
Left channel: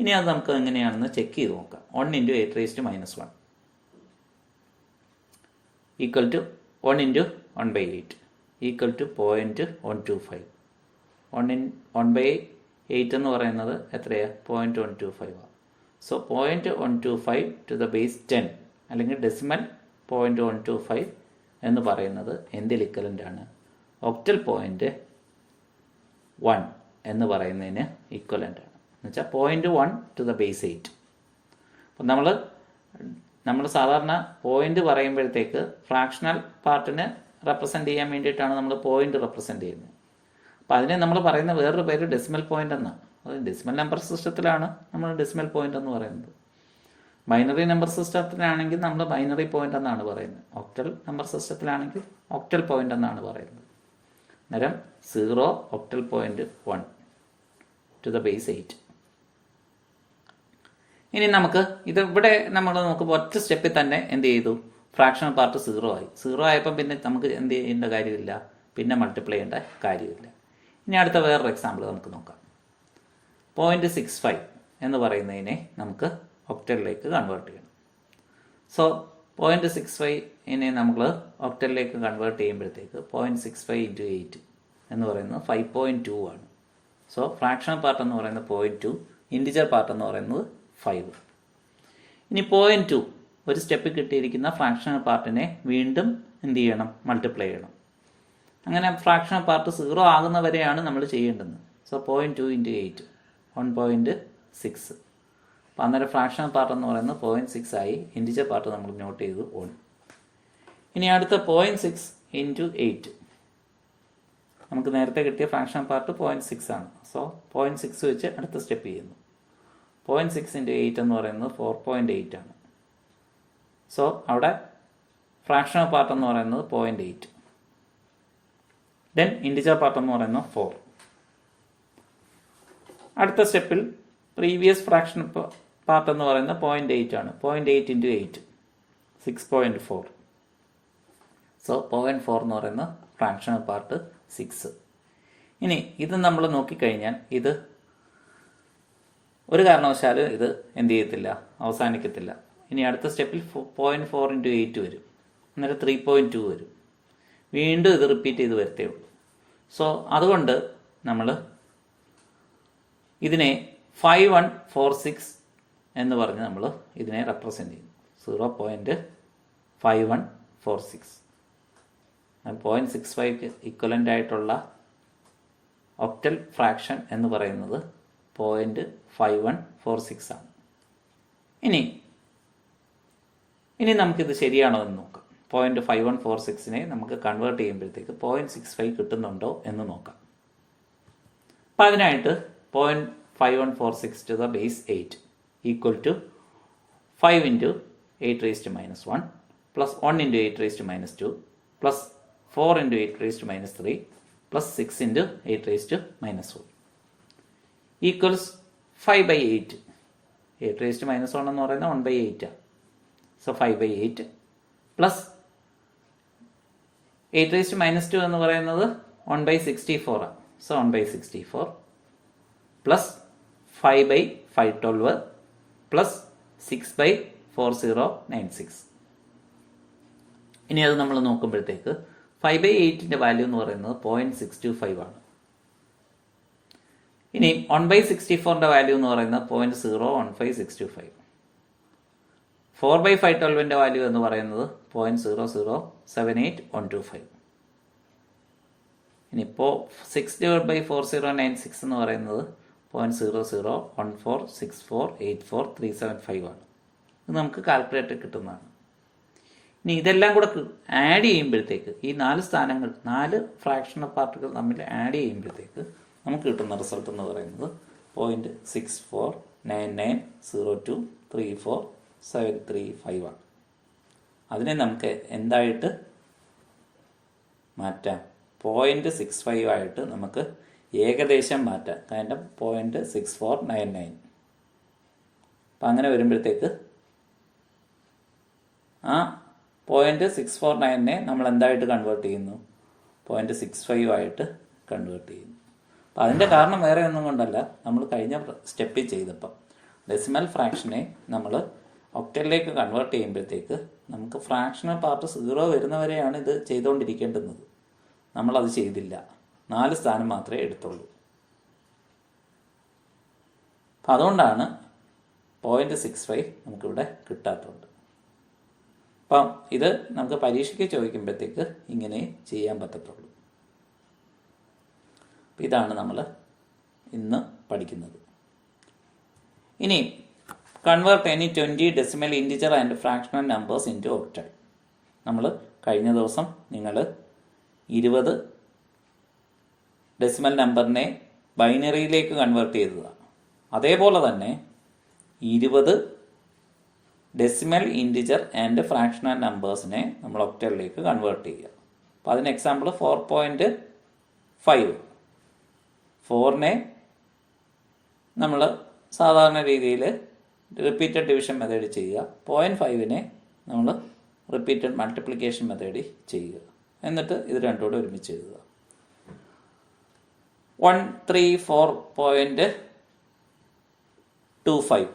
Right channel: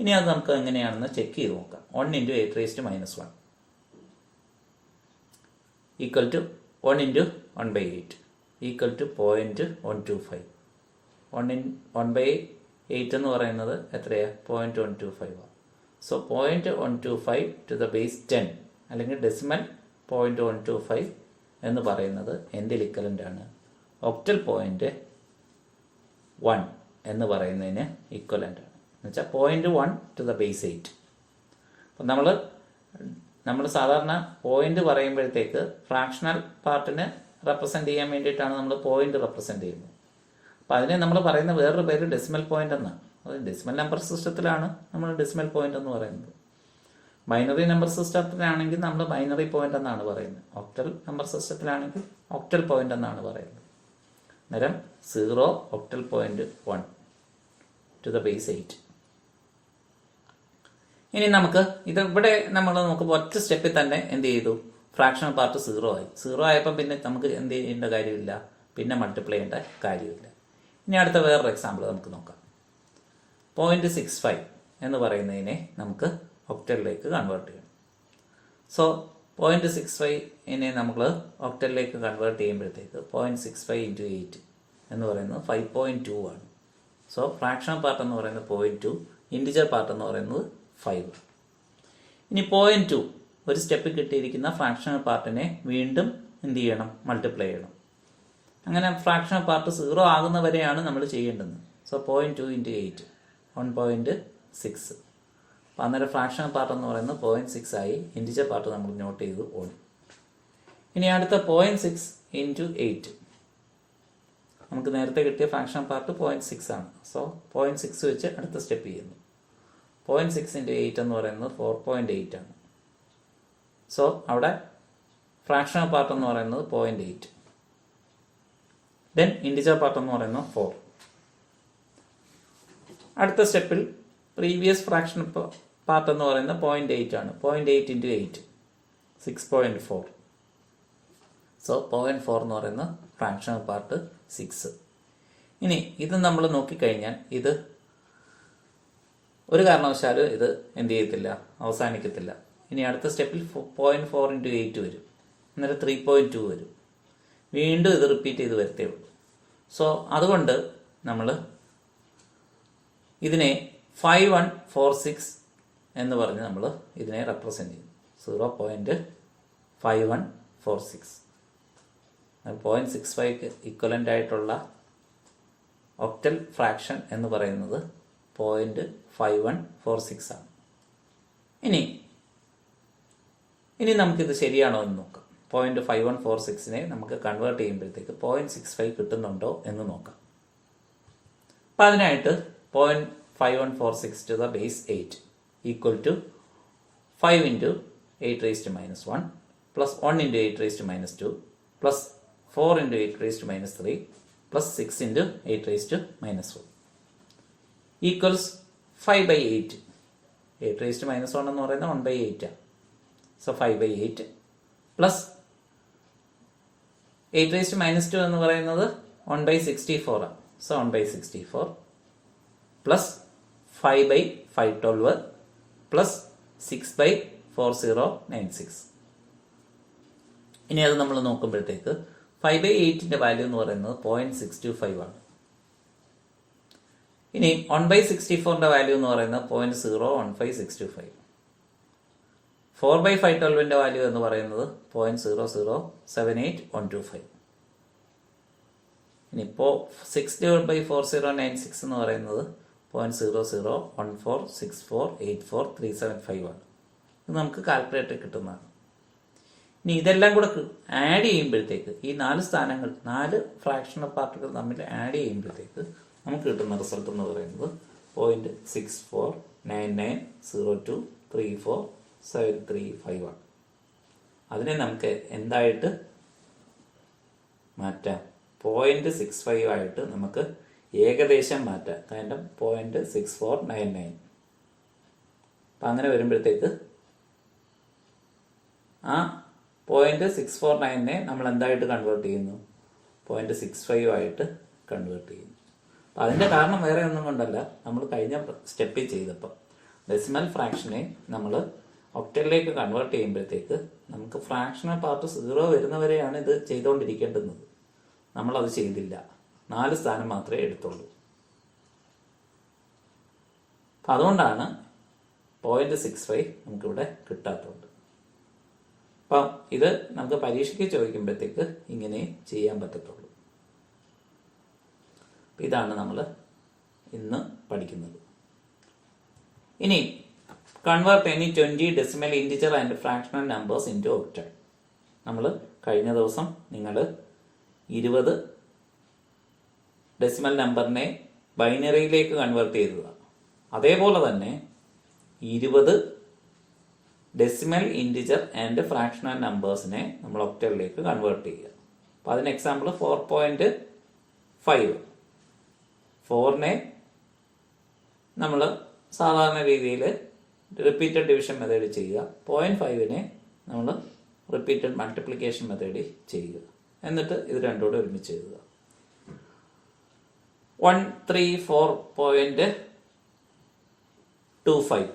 ഇനി അത് നമുക്ക് എങ്ങനെയാണെന്ന് ചെക്ക് ചെയ്ത് നോക്കാം. 1 × 8⁻⁻1 ഈക്വൽ ടു 1 × 1/8 ഈക്വൽ ടു 0.125. 1/8 എന്ന് പറയുന്നത് എത്രയാണ്? 0.125. സോ 0.125 ടു ദ ബേസ് 10 അല്ലെങ്കിൽ ഡെസിമൽ 0.125 എന്ന് പറയുന്നത് എന്തിൽ ഇക്വലൻ്റ് ആണ്? ഒക്ടൽ പോയിന്റ് 1 എന്ന് പറയുന്നതിന് ഇക്വലൻ്റ് ആണ്. എന്നുവെച്ചാൽ 0.1 ടു ദ ബേസ് 8. അപ്പം നമ്മൾ സാധാരണ പോയിന്റ് പറയുമ്പോഴത്തേക്ക് ഫ്രാക്ഷണൽ പാർട്ടിനെ റെപ്രസെൻ്റ് ചെയ്യാൻ വേണ്ടിയിട്ടാണ് നമ്മൾ പോയിന്റ് റെപ്രസെൻ്റ് ചെയ്യുന്നത്. അപ്പോൾ അതിനെ നമ്മൾ പറയുന്ന വേറൊരു പേര് ഡെസിമൽ പോയിന്റ് എന്നാണ്. അത് ഡെസിമൽ നമ്പർ സിസ്റ്റത്തിലാണ് നമ്മൾ ഡെസിമൽ പോയിന്റ് എന്ന് പറയുന്നത്. ബൈനറി നമ്പർ സിസ്റ്റത്തിലാണെങ്കിൽ നമ്മൾ ബൈനറി പോയിന്റ് എന്നാണ് പറയുന്നത്. ഒക്ടൽ നമ്പർ സിസ്റ്റത്തിലാണെങ്കിൽ ഒക്ടൽ പോയിന്റ് എന്നാണ് പറയുന്നത്. അന്നേരം 0 octal point 1 to the base 8. ഇനി നമുക്ക് ഇവിടെ നമ്മൾ നോക്കുമ്പോൾ ഒറ്റ സ്റ്റെപ്പിൽ തന്നെ എന്ത് ചെയ്തു? ഫ്രാക്ഷണൽ പാർട്ട് 0 ആയി. 0 ആയപ്പോൾ പിന്നെ നമുക്ക് എന്ത് ചെയ്യേണ്ട കാര്യമില്ല, പിന്നെ മൾട്ടിപ്ലൈ ചെയ്യേണ്ട കാര്യമില്ല. ഇനി അടുത്ത വേറൊരു എക്സാമ്പിൾ നമുക്ക് നോക്കാം. 0.65 എന്ന് പറയുന്നതിനെ നമുക്ക് ഒക്ടലിലേക്ക് കൺവേർട്ട് ചെയ്യണം. സോ 0.65 നമ്മൾ ഒക്ടലിലേക്ക് കൺവേർട്ട് ചെയ്യുമ്പോഴത്തേക്ക് 0.65 × 8 എന്ന് പറയുന്നത് 5.2 ആണ്. സോ ഫ്രാക്ഷണൽ പാർട്ട് എന്ന് പറയുന്നത് 0.2, ഇൻറ്റിജർ പാർട്ട് എന്ന് പറയുന്നത് 5. ഇനി 0.2 ഒരു സ്റ്റെപ്പ് കിട്ടിയിരിക്കുന്ന ഫ്രാക്ഷണൽ പാർട്ടിനെ വീണ്ടും എന്ത് ചെയ്യണം? മൾട്ടിപ്ലൈ ചെയ്യണം. അങ്ങനെ ഫ്രാക്ഷണൽ പാർട്ട് 0 ആകുന്നവരെയാണ് നമ്മൾ ചെയ്യേണ്ടത്. സോ 0.2 × 8 1.6. അപ്പോൾ അന്നേരം ഫ്രാക്ഷണൽ പാർട്ട് എന്ന് പറയുന്നത് 0.6 ആയി. ഇൻറ്റിജർ പാർട്ട് നമ്മൾ നോട്ട് ചെയ്തു 1. ഇനി അടുത്ത 0.6 × 8. നമുക്ക് നേരത്തെ കിട്ടിയ ഫ്രാക്ഷണൽ പാർട്ട് 0.6 ആണ്. സോ 0.6 വെച്ച് അടുത്ത സ്റ്റെപ്പ് ചെയ്യുന്നു. 0.6 × 8 എന്ന് പറയുന്നത് 4.8 ആണ്. സോ അവിടെ ഫ്രാക്ഷണൽ പാർട്ട് എന്ന് പറയുന്നത് 0.8. ദെൻ ഇൻറ്റിജർ പാർട്ട് എന്ന് പറയുന്നത് 4. അടുത്ത സ്റ്റെപ്പിൽ പ്രീവിയസ് ഫ്രാക്ഷണൽ പാർട്ട് എന്ന് പറയുന്നത് 0.8 ആണ്. 0.8 × 8 6.4. സോ 0.4 എന്ന് പറയുന്ന ഫ്രാക്ഷണൽ പാർട്ട് 6. ഇനി ഇത് നമ്മൾ നോക്കിക്കഴിഞ്ഞാൽ ഇത് ഒരു കാരണവശാലും ഇത് എന്ത് ചെയ്യത്തില്ല, അവസാനിക്കത്തില്ല. ഇനി അടുത്ത സ്റ്റെപ്പിൽ 0.4 × 8 വരും. അന്നേരം 3.2 വരും. വീണ്ടും ഇത് റിപ്പീറ്റ് ചെയ്ത് വരത്തേ ഉള്ളൂ. സോ അതുകൊണ്ട് നമ്മൾ ഇതിനെ 5146 എന്ന് പറഞ്ഞ് നമ്മൾ ഇതിനെ റെപ്രസെൻ്റ് ചെയ്യുന്നു. 0.5146. 0.65 ഇക്വലൻ്റ് ആയിട്ടുള്ള ഒക്ടൽ ഫ്രാക്ഷൻ എന്ന് പറയുന്നത് 0.5146 ആണ്. ഇനി നമുക്കിത് ശരിയാണോ എന്ന് നോക്കാം. 0.5146നെ നമുക്ക് കൺവേർട്ട് ചെയ്യുമ്പോഴത്തേക്ക് 0.65 കിട്ടുന്നുണ്ടോ എന്ന് നോക്കാം. അപ്പം അതിനായിട്ട് 0.5146 to the base 8 equal to 5 × 8⁻⁻1 plus 1 × 8⁻2 plus 4 × 8⁻3 plus 6 × 8⁻4 equals 5/8. 8⁻1 എന്ന് പറയുന്നത് 1/8 ആണ്. സോ 5/8 പ്ലസ് 8⁻2 എന്ന് പറയുന്നത് 1/64 ആണ്. So 1/64 plus 5/512 plus 6/4096. ഇനി അത് നമ്മൾ നോക്കുമ്പോഴത്തേക്ക് 5/8ൻ്റെ വാല്യൂ എന്ന് പറയുന്നത് 0.625 ആണ്. ഇനി 1/64ൻ്റെ വാല്യൂ എന്ന് പറയുന്നത് 0.015625. 4/512ൻ്റെ വാല്യൂ എന്ന് പറയുന്നത് 0.0078125. ഇനിയിപ്പോൾ 6/4096 എന്ന് പറയുന്നത് 0.00146484375 ആണ്. ഇത് നമുക്ക് കാൽക്കുലേറ്റർ കിട്ടുന്നതാണ്. ഇനി ഇതെല്ലാം കൂടെ ആഡ് ചെയ്യുമ്പോഴത്തേക്ക് ഈ 4 സ്ഥാനങ്ങൾ 4 ഫ്രാക്ഷണൽ പാർട്ടുകൾ തമ്മിൽ ആഡ് ചെയ്യുമ്പോഴത്തേക്ക് നമുക്ക് കിട്ടുന്ന റിസൾട്ട് എന്ന് പറയുന്നത് 0.649902347355 ആണ്. അതിനെ നമുക്ക് എന്തായിട്ട് മാറ്റാം? 0.65 ആയിട്ട് നമുക്ക് ഏകദേശം മാറ്റാം. കാരണം 0.6499. അപ്പം അങ്ങനെ വരുമ്പോഴത്തേക്ക് ആ 0.649നെ നമ്മൾ എന്തായിട്ട് കൺവേർട്ട് ചെയ്യുന്നു? 0.65 ആയിട്ട് കൺവേർട്ട് ചെയ്യുന്നു. അപ്പം അതിൻ്റെ കാരണം വേറെ ഒന്നും കൊണ്ടല്ല, നമ്മൾ കഴിഞ്ഞ സ്റ്റെപ്പിൽ ചെയ്തപ്പം ഡെസിമൽ ഫ്രാക്ഷനെ നമ്മൾ ഒക്ടലിലേക്ക് കൺവേർട്ട് ചെയ്യുമ്പോഴത്തേക്ക് നമുക്ക് ഫ്രാക്ഷണൽ പാർട്ട് 0 വരുന്നവരെയാണ് ഇത് ചെയ്തുകൊണ്ടിരിക്കേണ്ടുന്നത്. നമ്മളത് ചെയ്തില്ല, 4 സ്ഥാനം മാത്രമേ എടുത്തുള്ളൂ. അപ്പം അതുകൊണ്ടാണ് 0.65 നമുക്കിവിടെ കിട്ടാത്തത്. അപ്പം ഇത് നമുക്ക് പരീക്ഷയ്ക്ക് ചോദിക്കുമ്പോഴത്തേക്ക് ഇങ്ങനെ ചെയ്യാൻ പറ്റത്തുള്ളൂ. ഇതാണ് നമ്മൾ ഇന്ന് പഠിക്കുന്നത്. ഇനി convert any 20 decimal integer and fractional numbers into octal. നമ്മൾ കഴിഞ്ഞ ദിവസം നിങ്ങൾ 20 ഡെസിമൽ നമ്പറിനെ ബൈനറിയിലേക്ക് കൺവേർട്ട് ചെയ്തതാണ്. അതേപോലെ തന്നെ 20 ഡെസിമൽ ഇൻറ്റിജർ ആൻഡ് ഫ്രാക്ഷണൽ നമ്പേഴ്സിനെ നമ്മൾ ഒക്ടലിലേക്ക് കൺവേർട്ട് ചെയ്യുക. അപ്പോൾ അതിന് എക്സാമ്പിൾ 4.5. 4നെ നമ്മൾ സാധാരണ രീതിയിൽ റിപ്പീറ്റഡ് ഡിവിഷൻ മെത്തേഡ് ചെയ്യുക. 0.5നെ നമ്മൾ റിപ്പീറ്റഡ് മൾട്ടിപ്ലിക്കേഷൻ മെത്തേഡ് ചെയ്യുക. എന്നിട്ട് ഇത് രണ്ടുകൂടെ ഒരുമിച്ച് എഴുതുക. 134.25.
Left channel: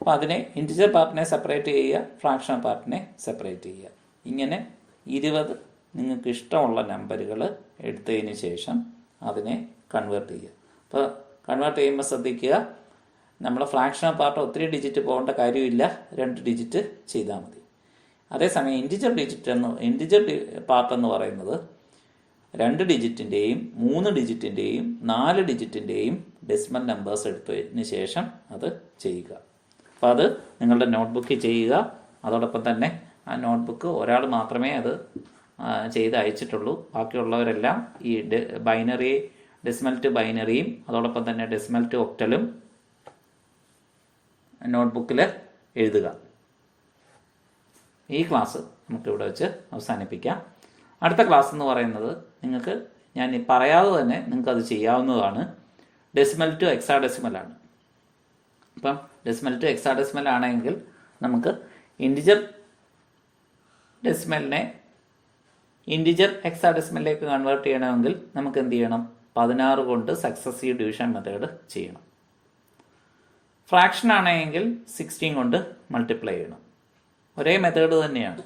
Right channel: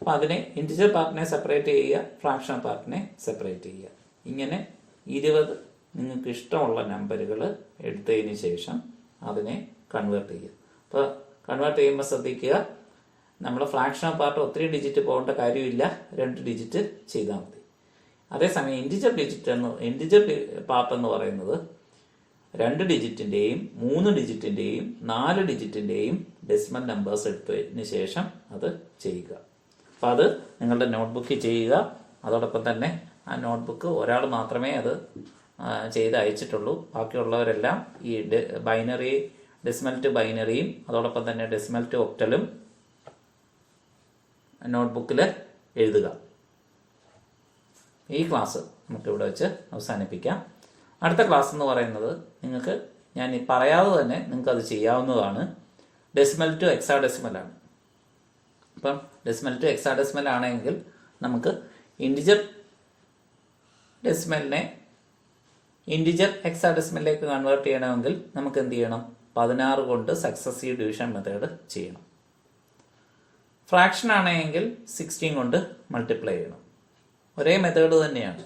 അപ്പോൾ അതിനെ ഇൻറ്റിജർ പാർട്ടിനെ സെപ്പറേറ്റ് ചെയ്യുക, ഫ്രാക്ഷണൽ പാർട്ടിനെ സെപ്പറേറ്റ് ചെയ്യുക. ഇങ്ങനെ 20 നിങ്ങൾക്ക് ഇഷ്ടമുള്ള നമ്പറുകൾ എടുത്തതിന് ശേഷം അതിനെ കൺവേർട്ട് ചെയ്യുക. അപ്പോൾ കൺവേർട്ട് ചെയ്യുമ്പോൾ ശ്രദ്ധിക്കുക, നമ്മൾ ഫ്രാക്ഷണൽ പാർട്ട് ഒത്തിരി ഡിജിറ്റ് പോകേണ്ട കാര്യമില്ല, 2 ഡിജിറ്റ് ചെയ്താൽ മതി. അതേസമയം ഇൻറ്റിജർ പാർട്ട് എന്ന് പറയുന്നത് 2 ഡിജിറ്റിൻ്റെയും 3 ഡിജിറ്റിൻ്റെയും 4 ഡിജിറ്റിൻ്റെയും ഡെസിമൽ നമ്പേഴ്സ് എടുത്തതിന് ശേഷം അത് ചെയ്യുക. അപ്പോൾ അത് നിങ്ങളുടെ നോട്ട്ബുക്കിൽ ചെയ്യുക. അതോടൊപ്പം തന്നെ ആ നോട്ട്ബുക്ക് ഒരാൾ മാത്രമേ അത് ചെയ്ത് അയച്ചിട്ടുള്ളൂ. ബാക്കിയുള്ളവരെല്ലാം ഈ ബൈനറി ഡെസിമൽ ടു ബൈനറിയും അതോടൊപ്പം തന്നെ ഡെസിമൽ ടു ഒക്ടലും നോട്ട്ബുക്കിൽ എഴുതുക. ഈ ക്ലാസ് നമുക്കിവിടെ വെച്ച് അവസാനിപ്പിക്കാം. അടുത്ത ക്ലാസ് എന്ന് പറയുന്നത് നിങ്ങൾക്ക് ഞാൻ പറയാതെ തന്നെ നിങ്ങൾക്കത് ചെയ്യാവുന്നതാണ്. ഡെസിമൽ ടു എക്സാഡെസിമലാണ്. അപ്പം ഡെസിമൽ ടു എക്സാഡെസിമൽ ആണെങ്കിൽ നമുക്ക് ഇൻറ്റിജർ ഡെസിമലിനെ ഇൻറ്റിജർ എക്സാഡെസിമലിലേക്ക് കൺവേർട്ട് ചെയ്യണമെങ്കിൽ നമുക്ക് എന്ത് ചെയ്യണം? 16 കൊണ്ട് സക്സസീവ് ഡിവിഷൻ മെത്തേഡ് ചെയ്യണം. ഫ്രാക്ഷൻ ആണെങ്കിൽ 16 കൊണ്ട് മൾട്ടിപ്ലൈ ചെയ്യണം. ഒരേ മെത്തേഡ് തന്നെയാണ്.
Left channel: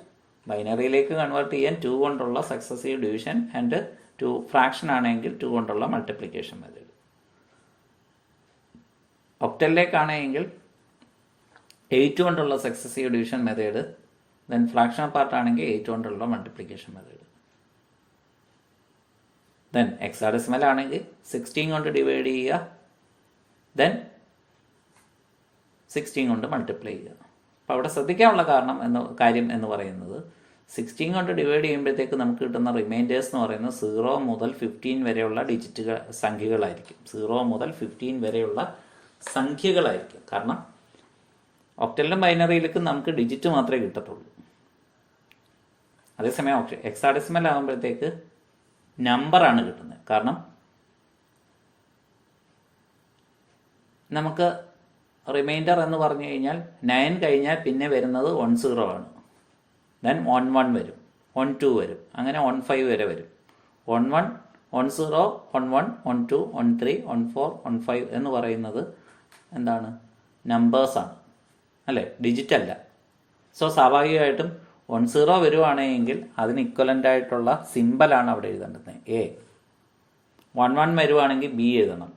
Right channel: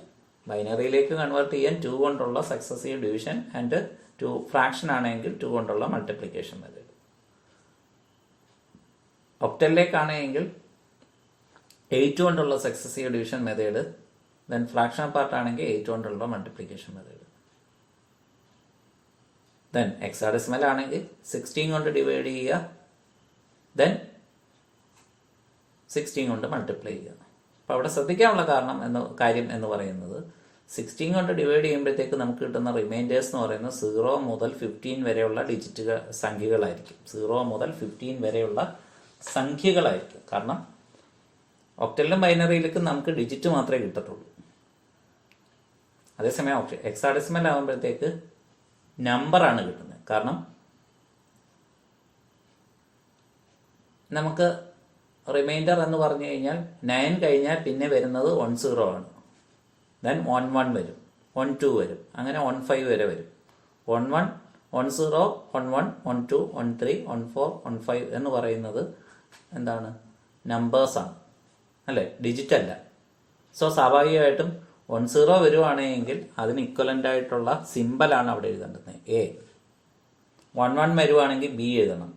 ബൈനറിയിലേക്ക് കൺവേർട്ട് ചെയ്യാൻ 2 കൊണ്ടുള്ള സക്സസീവ് ഡിവിഷൻ ആൻഡ് 2 ഫ്രാക്ഷൻ ആണെങ്കിൽ 2 കൊണ്ടുള്ള മൾട്ടിപ്ലിക്കേഷൻ മെത്തേഡ്. ഒക്ടലിലേക്കാണെങ്കിൽ 8 കൊണ്ടുള്ള successive division method, then fraction part ആണെങ്കിൽ 8 കൊണ്ടുള്ള മൾട്ടിപ്ലിക്കേഷൻ മെത്തേഡ്. ദെൻ എക്സാഡെസിമൽ ആണെങ്കിൽ 16 കൊണ്ട് ഡിവൈഡ് ചെയ്യുക, ദെൻ 16 കൊണ്ട് മൾട്ടിപ്ലൈ ചെയ്യുക. അപ്പോൾ അവിടെ ശ്രദ്ധിക്കാനുള്ള കാര്യം എന്ന് പറയുന്നത് 16 കൊണ്ട് ഡിവൈഡ് ചെയ്യുമ്പോഴത്തേക്ക് നമുക്ക് കിട്ടുന്ന റിമൈൻഡേഴ്സ് എന്ന് പറയുന്നത് 0 മുതൽ 15 വരെയുള്ള സംഖ്യകളായിരിക്കും. 0 മുതൽ 15 വരെയുള്ള സംഖ്യകളായിരിക്കും. കാരണം ഒക്ടലിലും ബൈനറിയിലേക്കും നമുക്ക് ഡിജിറ്റ് മാത്രമേ കിട്ടത്തുള്ളൂ. അതേസമയം എക്സാഡെസിമൽ ആകുമ്പോഴത്തേക്ക് നമ്പറാണ് കിട്ടുന്നത്. കാരണം നമുക്ക് റിമൈൻഡർ എന്ന് പറഞ്ഞു കഴിഞ്ഞാൽ 9 കഴിഞ്ഞാൽ പിന്നെ വരുന്നത് 10 ആണ്. ദെൻ 11 വരും, 12 വരും, അങ്ങനെ 15 വരെ വരും. 11, 10, 11, 12, 13, 14, 15 എന്ന് പറയുന്നത് എന്താണ്? നമ്പേഴ്സാണ്, അല്ലേ? ഡിജിറ്റ് അല്ല. സോ സ്വാഭാവികമായിട്ടും 10 വരുവാണെങ്കിൽ അതിന് ഇക്വലൻ്റ് ആയിട്ടുള്ള സിമ്പലാണ് അവിടെ എഴുതേണ്ടത്, എ. 11 വരുവാണെങ്കിൽ ബി എഴുതണം.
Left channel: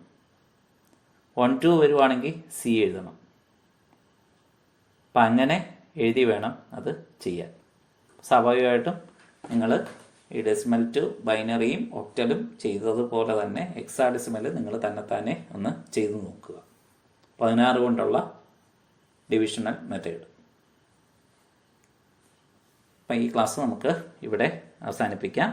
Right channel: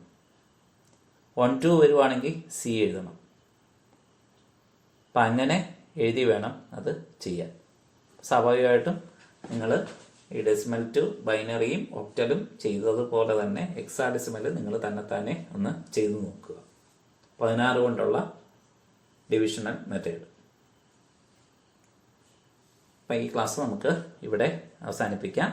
12 വരുവാണെങ്കിൽ സി എഴുതണം. അപ്പം അങ്ങനെ എഴുതി വേണം അത് ചെയ്യാൻ. സ്വാഭാവികമായിട്ടും നിങ്ങൾ ഈ ഡെസിമൽ ടു ബൈനറിയും ഒക്ടലും ചെയ്തതുപോലെ തന്നെ എക്സാഡെസിമൽ നിങ്ങൾ തന്നെ ഒന്ന് ചെയ്തു നോക്കുക. 16 കൊണ്ടുള്ള ഡിവിഷണൽ മെത്തേഡ്. അപ്പം ഈ ക്ലാസ് നമുക്ക് ഇവിടെ അവസാനിപ്പിക്കാം.